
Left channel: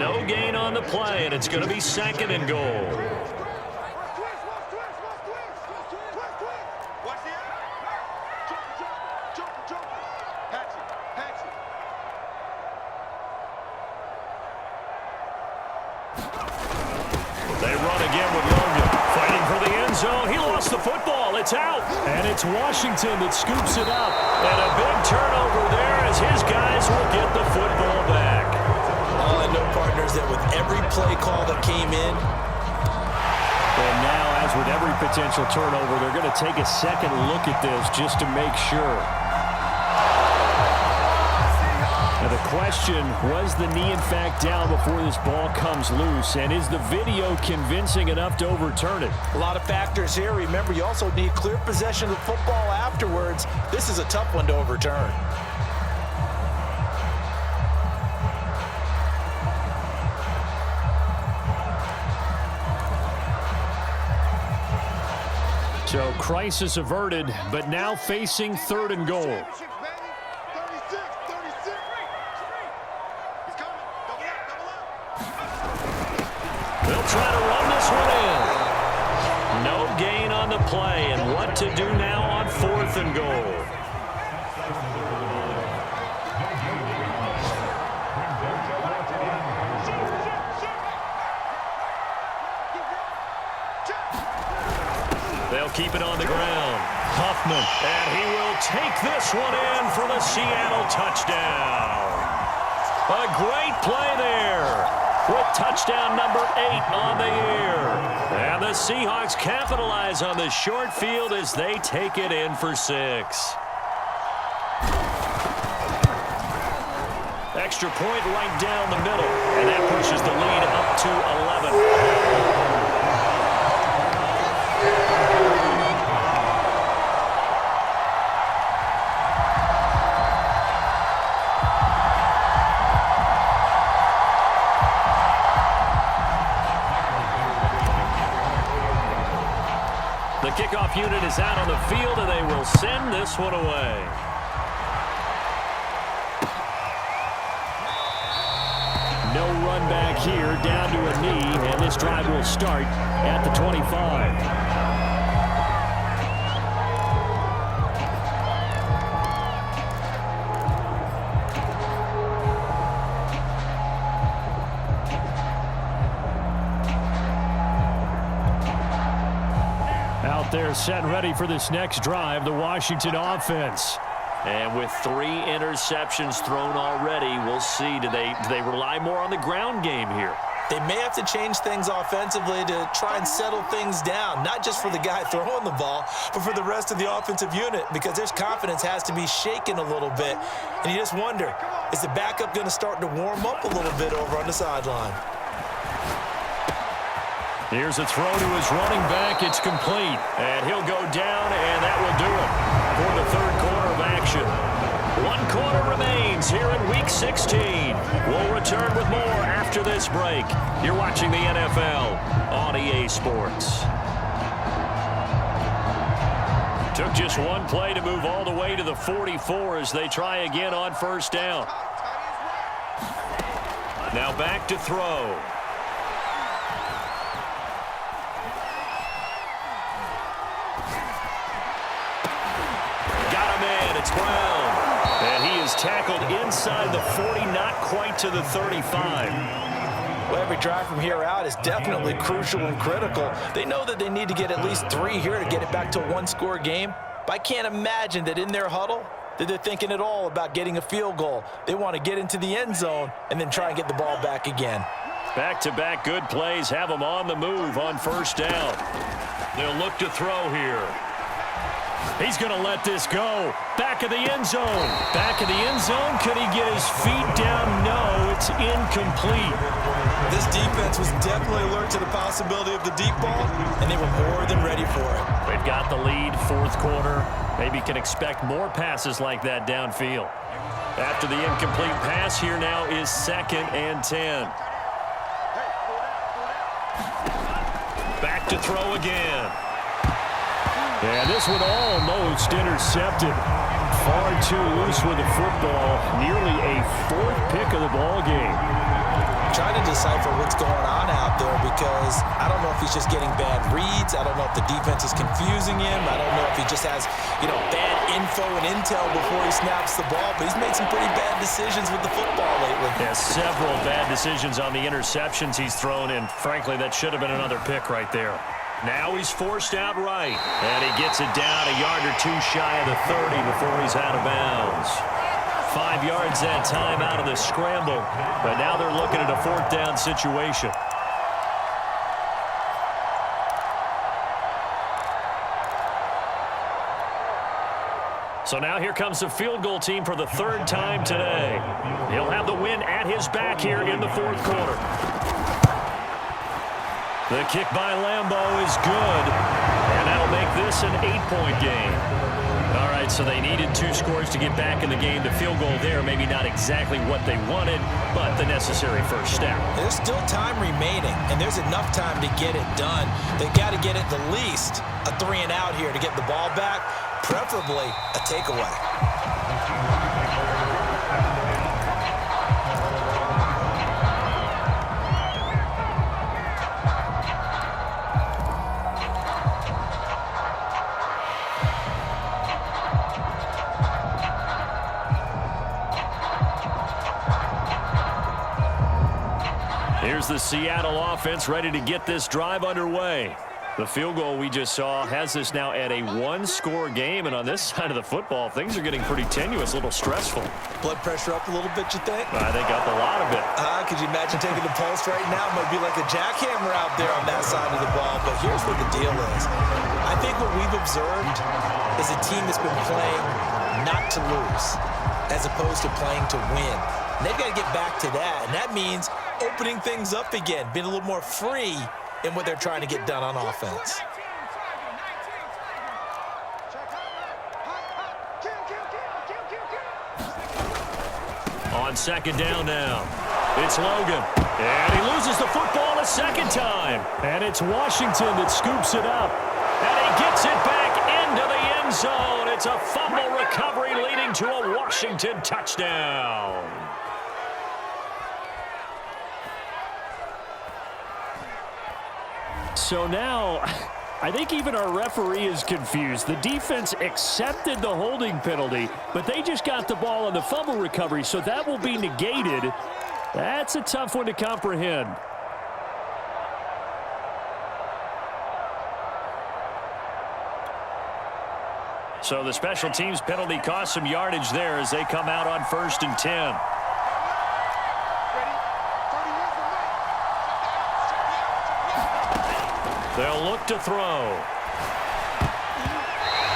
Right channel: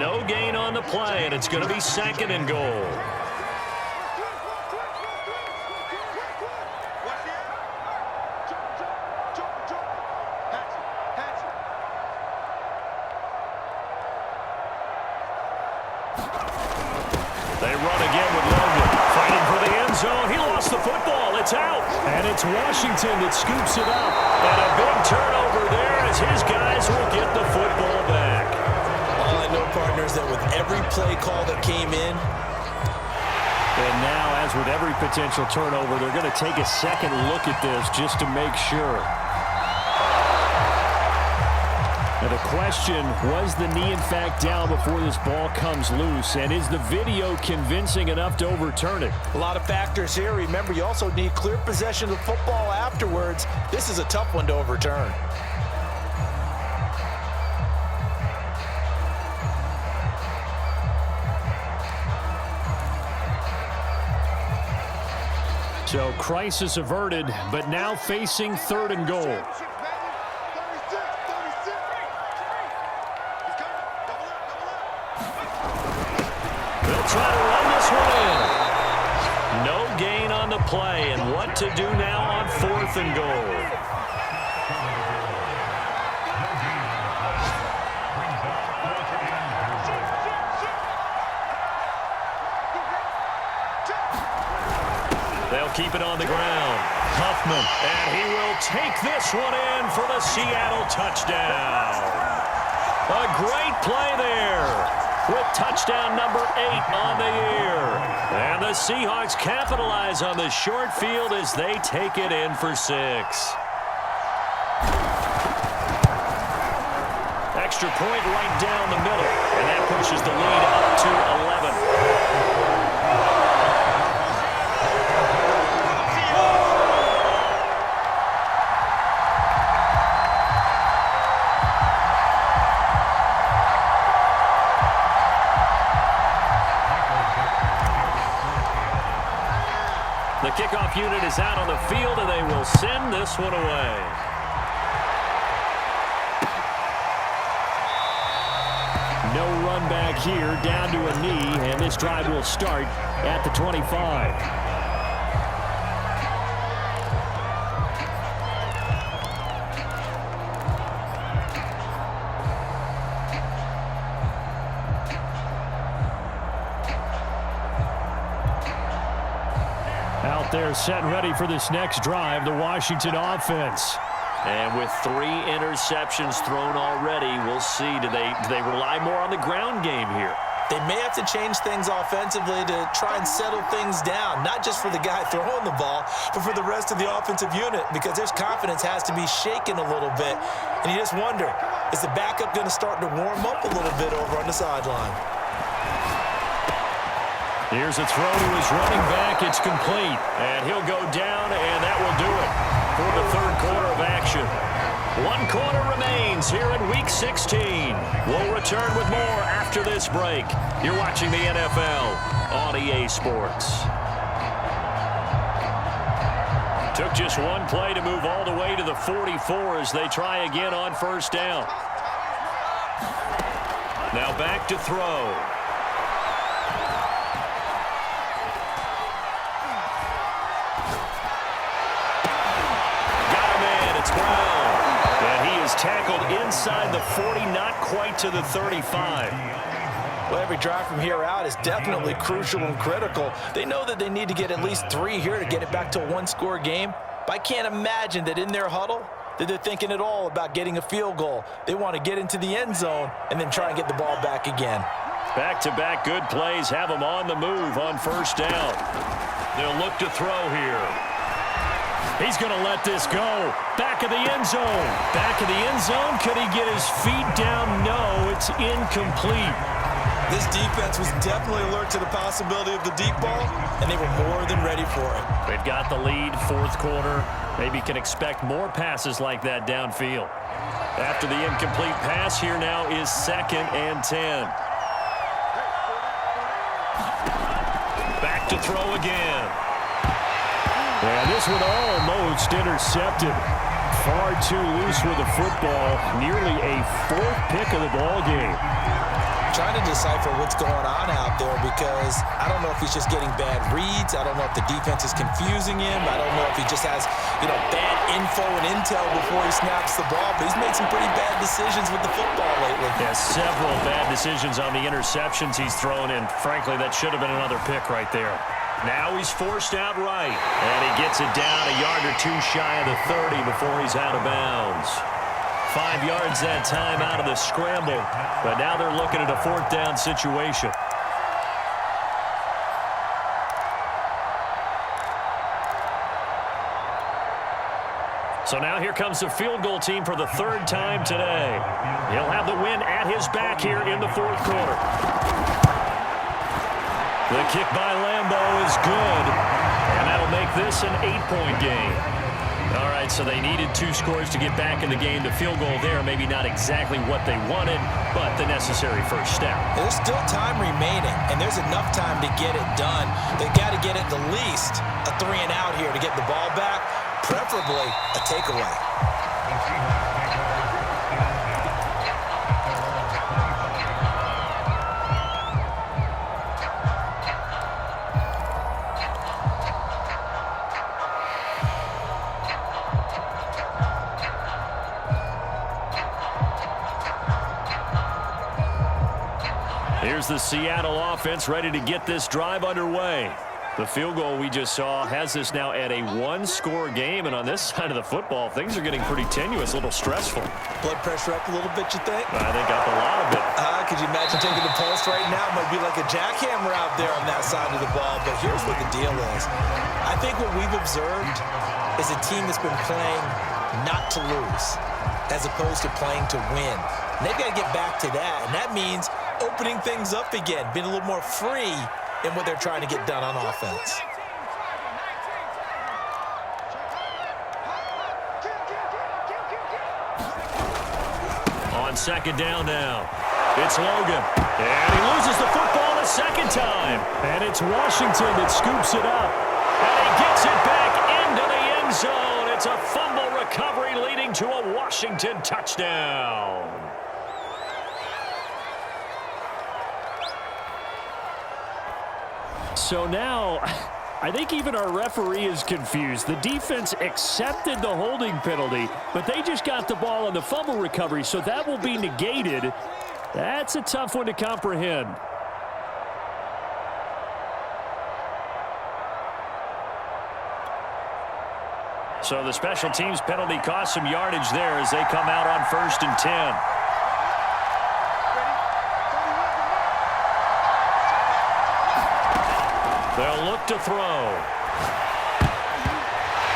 No gain on the play, and it's going to be second and goal. They run again with Logan. Fighting for the end zone. He lost the football. It's out. And it's Washington that scoops it up. And a big turnover there as his guys will get the football back. All I know, partner, is that with every play call that came in, and now, as with every potential turnover, they're going to take a second look at this just to make sure. Now the question, was the knee in fact down before this ball comes loose? And is the video convincing enough to overturn it? a lot of factors here. Remember, you also need clear possession of the football afterwards. This is a tough one to overturn. So crisis averted, but now facing third and goal. They'll try to run this one in. No gain on the play, and what to do now on fourth and goal. They'll keep it on the ground. Huffman, and he will take this one in for the Seattle touchdown. A great play there with touchdown number 8 on the year. And the Seahawks capitalize on the short field as they take it in for 6. Extra point right down the middle, and that pushes the lead up to 11. The kickoff unit is out on the field, and they will send this one away. No run back here, down to a knee, and this drive will start at the 25. Out there set and ready for this next drive, the Washington offense. And with 3 interceptions thrown already, we'll see. Do they rely more on the ground game here? They may have to change things offensively to try and settle things down, not just for the guy throwing the ball, but for the rest of the offensive unit, because their confidence has to be shaken a little bit. And you just wonder, is the backup going to start to warm up a little bit over on the sideline? Here's a throw to his running back. It's complete. And he'll go down, and that will do it for the third quarter of action. 1 quarter remains here in Week 16. We'll return with more after this break. You're watching the NFL on EA Sports. Took just 1 play to move all the way to the 44 as they try again on first down. Now back to throw. It's Brown, and he is tackled inside the 40, not quite to the 35. Well, every drive from here out is definitely crucial and critical. They know that they need to get at least 3 here to get it back to a 1-score game. But I can't imagine that in their huddle that they're thinking at all about getting a field goal. They want to get into the end zone and then try and get the ball back again. Back-to-back good plays have them on the move on first down. They'll look to throw here. He's going to let this go. Back of the end zone. Back of the end zone. Could he get his feet down? No, it's incomplete. This defense was definitely alert to the possibility of the deep ball, and they were more than ready for it. They've got the lead, fourth quarter. Maybe can expect more passes like that downfield. After the incomplete pass, here now is 2nd and 10. Back to throw again. And this one almost intercepted. Far too loose with the football. Nearly a 4th pick of the ball game. Trying to decipher what's going on out there because I don't know if he's just getting bad reads. I don't know if the defense is confusing him. I don't know if he just has, bad info and intel before he snaps the ball. But he's made some pretty bad decisions with the football lately. Yeah, several bad decisions on the interceptions he's thrown in. Frankly, that should have been another pick right there. Now he's forced out right. And he gets it down a yard or two shy of the 30 before he's out of bounds. 5 yards that time out of the scramble. But now they're looking at a 4th down situation. So now here comes the field goal team for the 3rd time today. He'll have the win at his back here in the 4th quarter. The kick by Lambeau is good, and that'll make this an 8-point game. All right, so they needed 2 scores to get back in the game. The field goal there, maybe not exactly what they wanted, but the necessary first step. There's still time remaining, and there's enough time to get it done. They've got to get at the least a 3-and-out here to get the ball back, preferably a takeaway. Here's the Seattle offense ready to get this drive underway. The field goal we just saw has this now at a 1-score game, and on this side of the football, things are getting pretty tenuous, a little stressful. Blood pressure up a little bit, you think? I think up a lot of it. Could you imagine taking the pulse right now? It might be like a jackhammer out there on that side of the ball, but here's what the deal is. I think what we've observed is a team that's been playing not to lose as opposed to playing to win. And they've got to get back to that, and that means opening things up again, being a little more free in what they're trying to get done on offense. On 2nd down now, it's Logan. And he loses the football a 2nd time. And it's Washington that scoops it up. And he gets it back into the end zone. It's a fumble recovery leading to a Washington touchdown. So now, I think even our referee is confused. The defense accepted the holding penalty, but they just got the ball on the fumble recovery, so that will be negated. That's a tough one to comprehend. So the special teams penalty cost some yardage there as they come out on 1st and 10. They'll look to throw.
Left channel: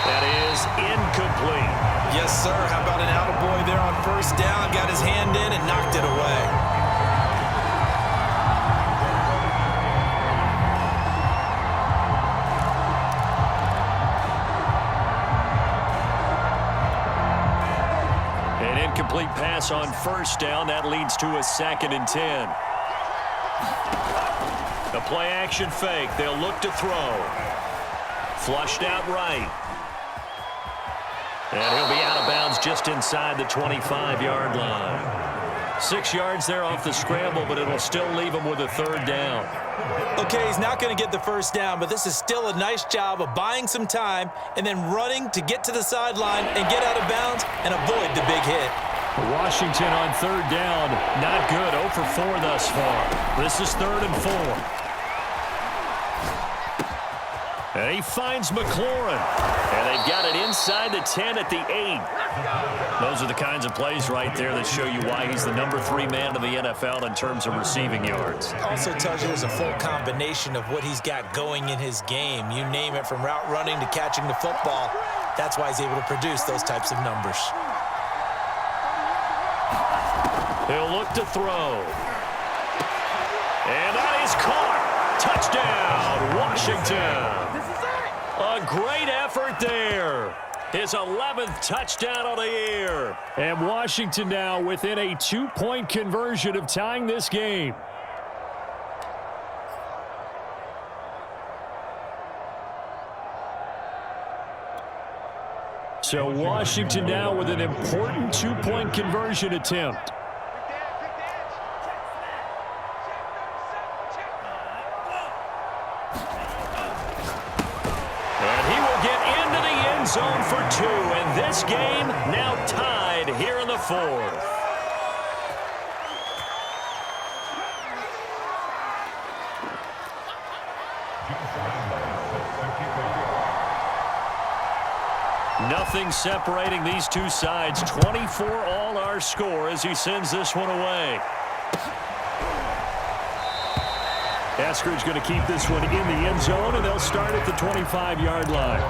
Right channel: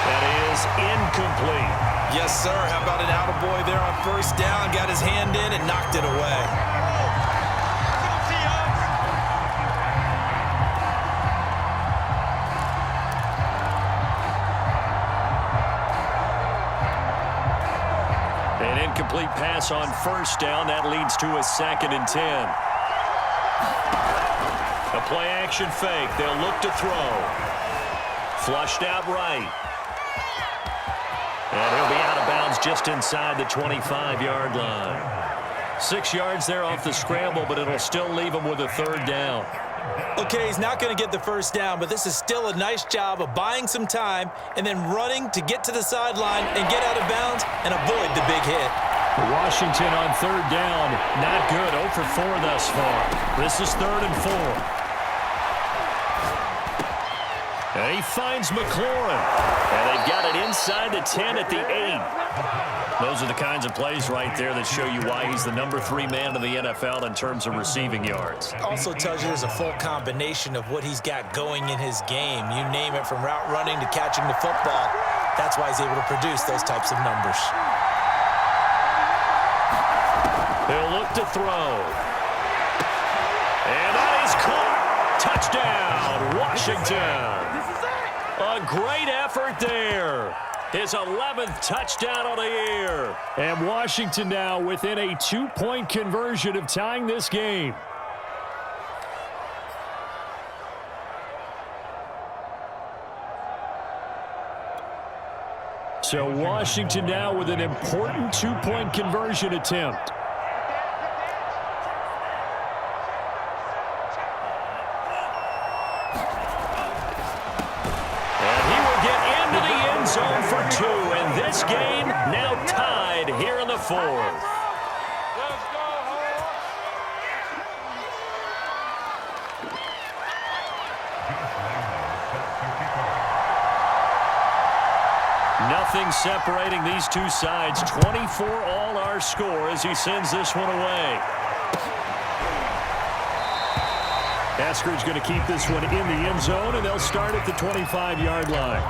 That is incomplete. Yes, sir. How about an attaboy there on 1st down? Got his hand in and knocked it away. An incomplete pass on 1st down. That leads to a 2nd and 10. A play-action fake. They'll look to throw. Flushed out right. And he'll be out of bounds just inside the 25-yard line. 6 yards there off the scramble, but it'll still leave him with a 3rd down. Okay, he's not going to get the 1st down, but this is still a nice job of buying some time and then running to get to the sideline and get out of bounds and avoid the big hit. Washington on 3rd down. Not good. 0 for 4 thus far. This is 3rd and 4. And he finds McLaurin. And they've got it inside the 10 at the 8. Those are the kinds of plays right there that show you why he's the number 3 man in the NFL in terms of receiving yards. Also tells you there's a full combination of what he's got going in his game. You name it, from route running to catching the football. That's why he's able to produce those types of numbers. He'll look to throw. And that is caught. Touchdown, Washington. A great effort there. His 11th touchdown of the year. And Washington now within a 2-point conversion of tying this game. So Washington now with an important 2-point conversion attempt. Zone for 2, and this game now tied here in the 4th. Nothing separating these two sides. 24 all our score as he sends this one away. Eskridge going to keep this one in the end zone, and they'll start at the 25-yard line.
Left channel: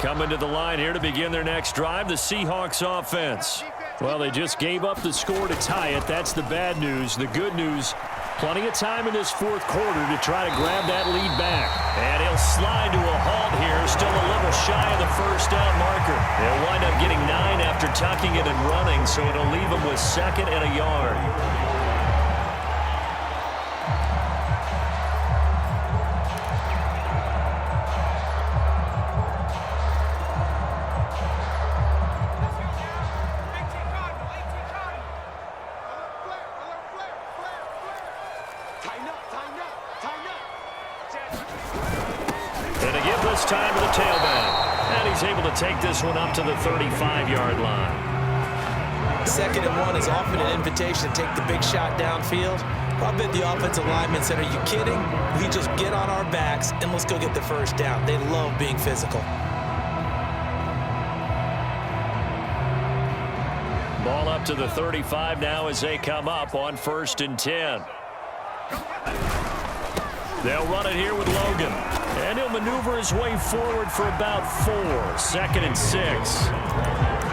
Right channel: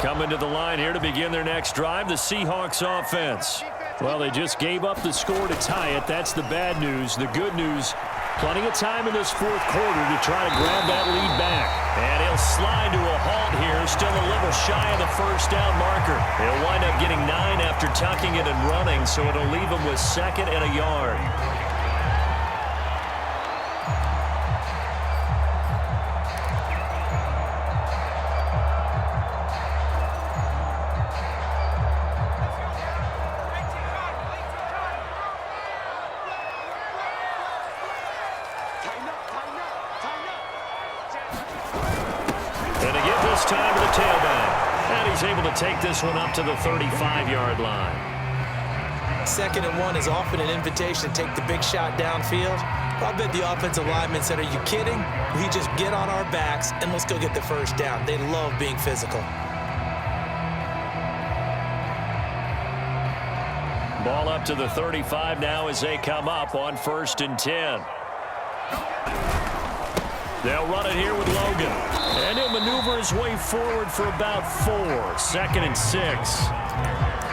Coming to the line here to begin their next drive, the Seahawks offense. Well, they just gave up the score to tie it. That's the bad news. The good news, plenty of time in this 4th quarter to try to grab that lead back. And he'll slide to a halt here, still a little shy of the first down marker. He'll wind up getting 9 after tucking it and running, so it'll leave him with 2nd and a yard. Time to the tailback. And he's able to take this one up to the 35-yard line. 2nd and 1 is often an invitation to take the big shot downfield. I bet the offensive lineman said, "Are you kidding? We just get on our backs and let's go get the first down." They love being physical. Ball up to the 35 now as they come up on 1st and 10. They'll run it here with Logan. And he'll maneuver his way forward for about 4. 2nd and 6.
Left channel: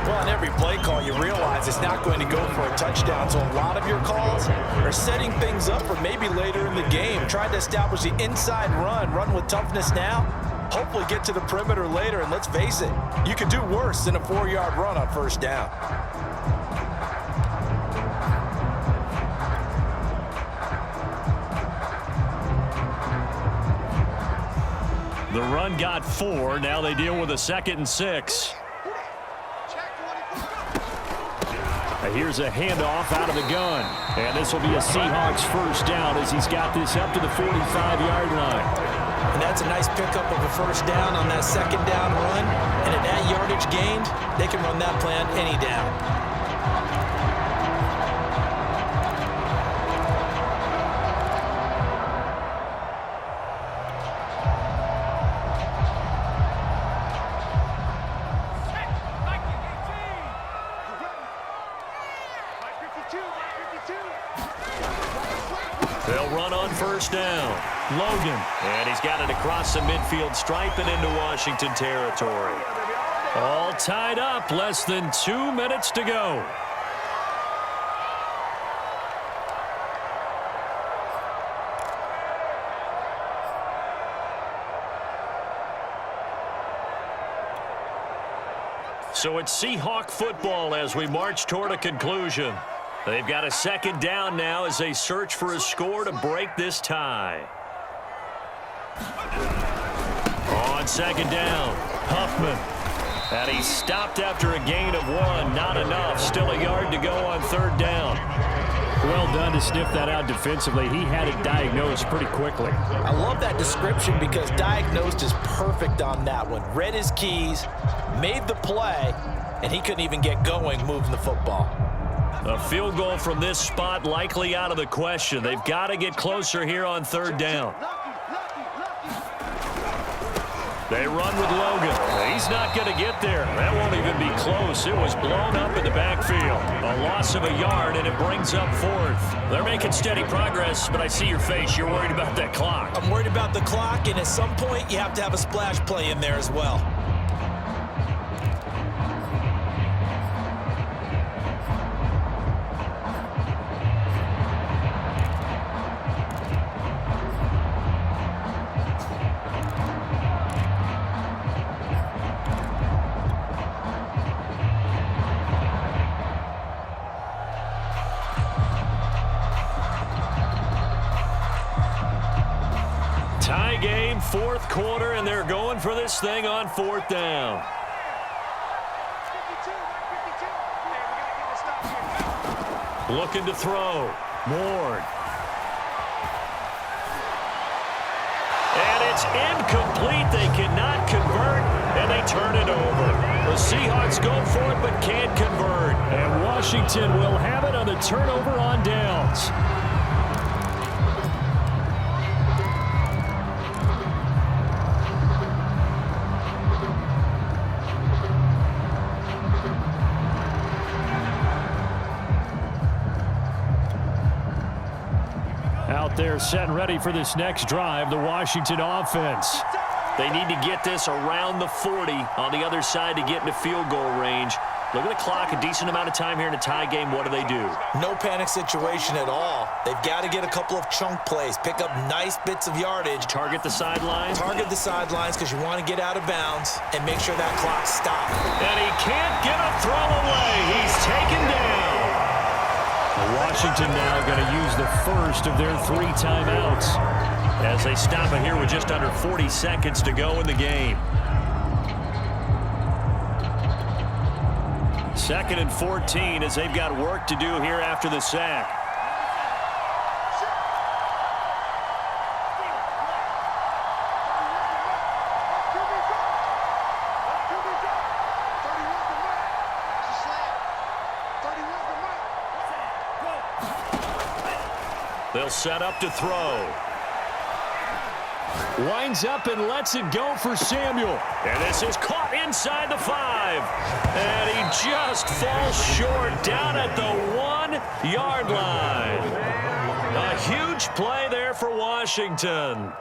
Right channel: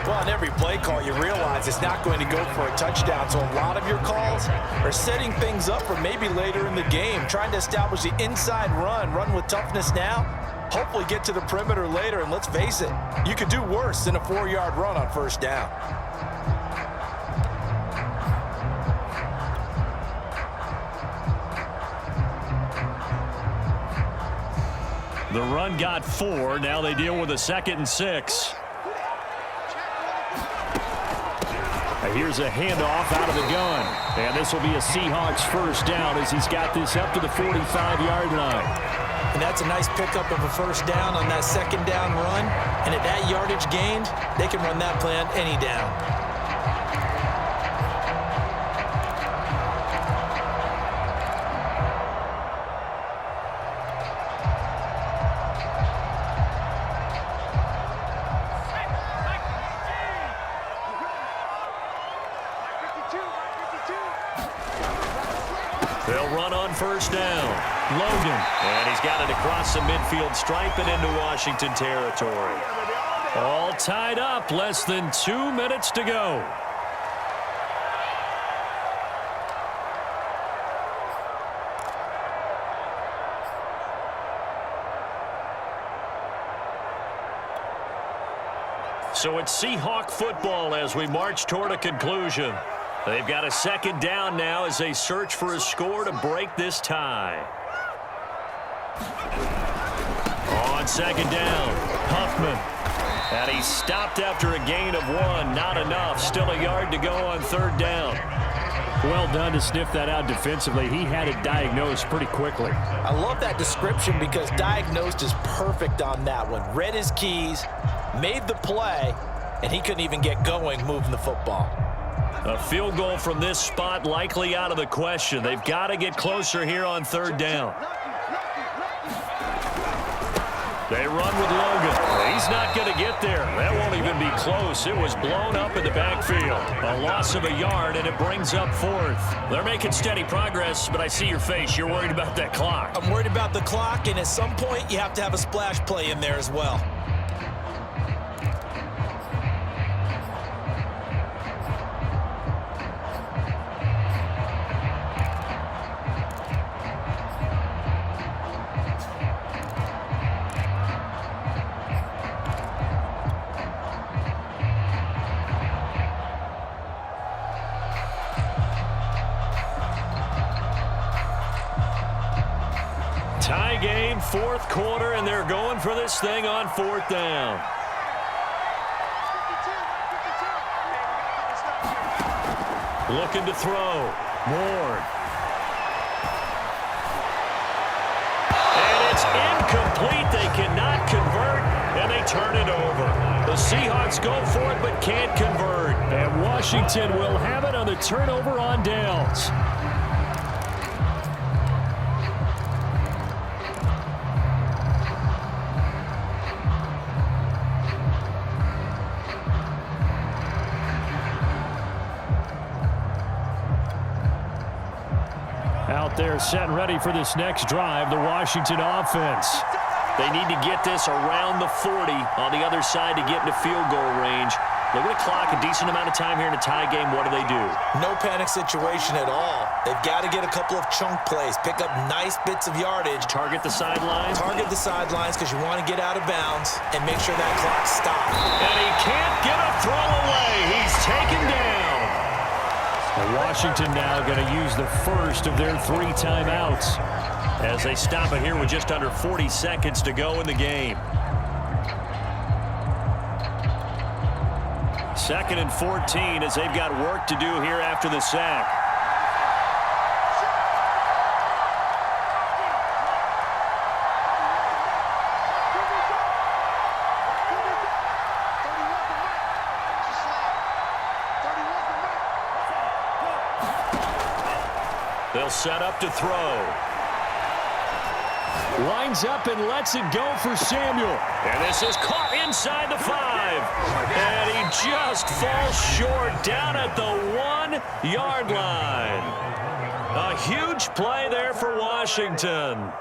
Well, on every play call, you realize it's not going to go for a touchdown. So a lot of your calls are setting things up for maybe later in the game, trying to establish the inside run with toughness now, hopefully get to the perimeter later. And let's face it, you could do worse than a 4-yard run on 1st down. The run got 4. Now they deal with a 2nd and 6. Here's a handoff out of the gun. And this will be a Seahawks first down as he's got this up to the 45-yard line. And that's a nice pickup of a first down on that 2nd down run. And at that yardage gained, they can run that play on any down. They'll run on 1st down. Logan. And he's got it across the midfield stripe and into Washington territory. All tied up. Less than 2 minutes to go. So it's Seahawk football as we march toward a conclusion. They've got a 2nd down now as they search for a score to break this tie. On 2nd down, Huffman. And he's stopped after a gain of 1. Not enough. Still a yard to go on 3rd down. Well done to sniff that out defensively. He had it diagnosed pretty quickly. I love that description because diagnosed is perfect on that one. Read his keys, made the play, and he couldn't even get going moving the football. A field goal from this spot likely out of the question. They've got to get closer here on third down. They run with Logan. He's not going to get there. That won't even be close. It was blown up in the backfield. A loss of a yard, and it brings up fourth. They're making steady progress, but I see your face. You're worried about that clock. I'm worried about the clock, and at some point, you have to have a splash play in there as well. Tie game, fourth quarter, and they're going for this thing on fourth down. Looking to throw. Ward. And it's incomplete. They cannot convert, and they turn it over. The Seahawks go for it but can't convert. And Washington will have it on the turnover on downs. Out there set and ready for this next drive, the Washington offense. They need to get this around the 40 on the other side to get into field goal range. Look at the clock, a decent amount of time here in a tie game. What do? No panic situation at all. They've got to get a couple of chunk plays, pick up nice bits of yardage. Target the sidelines? Target the sidelines because you want to get out of bounds and make sure that clock stops. And he can't get a throw away. He's taken down. Washington now going to use the first of their 3 timeouts as they stop it here with just under 40 seconds to go in the game. 2nd and 14 as they've got work to do here after the sack. They'll set up to throw. Winds up and lets it go for Samuel. And this is caught inside the 5. And he just falls short down at the 1-yard line. A huge play there for Washington.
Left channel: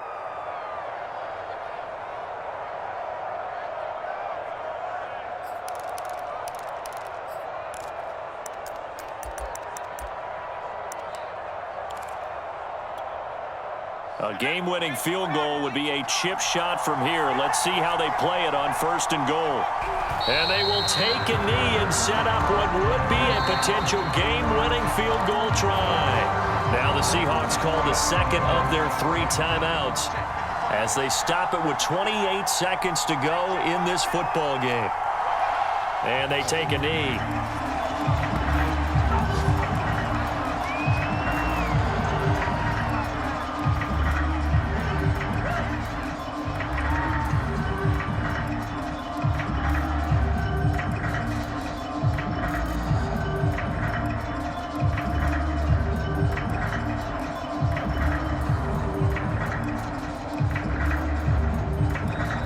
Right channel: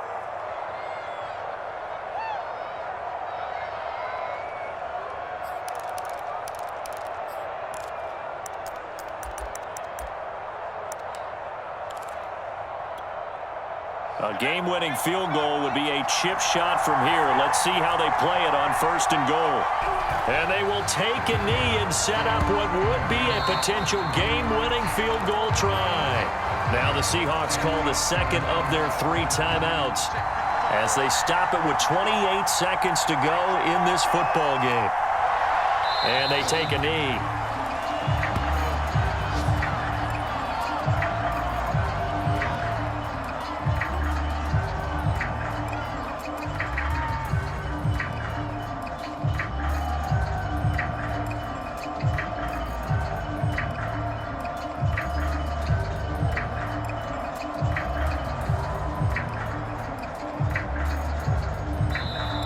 A game-winning field goal would be a chip shot from here. Let's see how they play it on 1st and goal. And they will take a knee and set up what would be a potential game-winning field goal try. Now the Seahawks call the 2nd of their 3 timeouts as they stop it with 28 seconds to go in this football game. And they take a knee.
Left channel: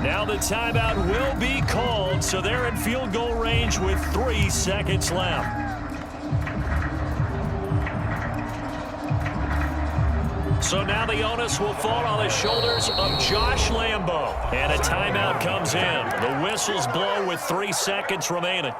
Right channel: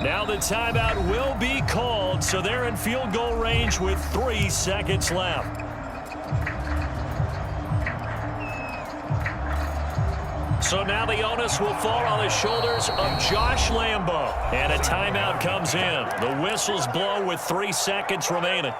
Now the timeout will be called, so they're in field goal range with 3 seconds left. So now the onus will fall on the shoulders of Josh Lambo. And a timeout comes in. The whistles blow with 3 seconds remaining.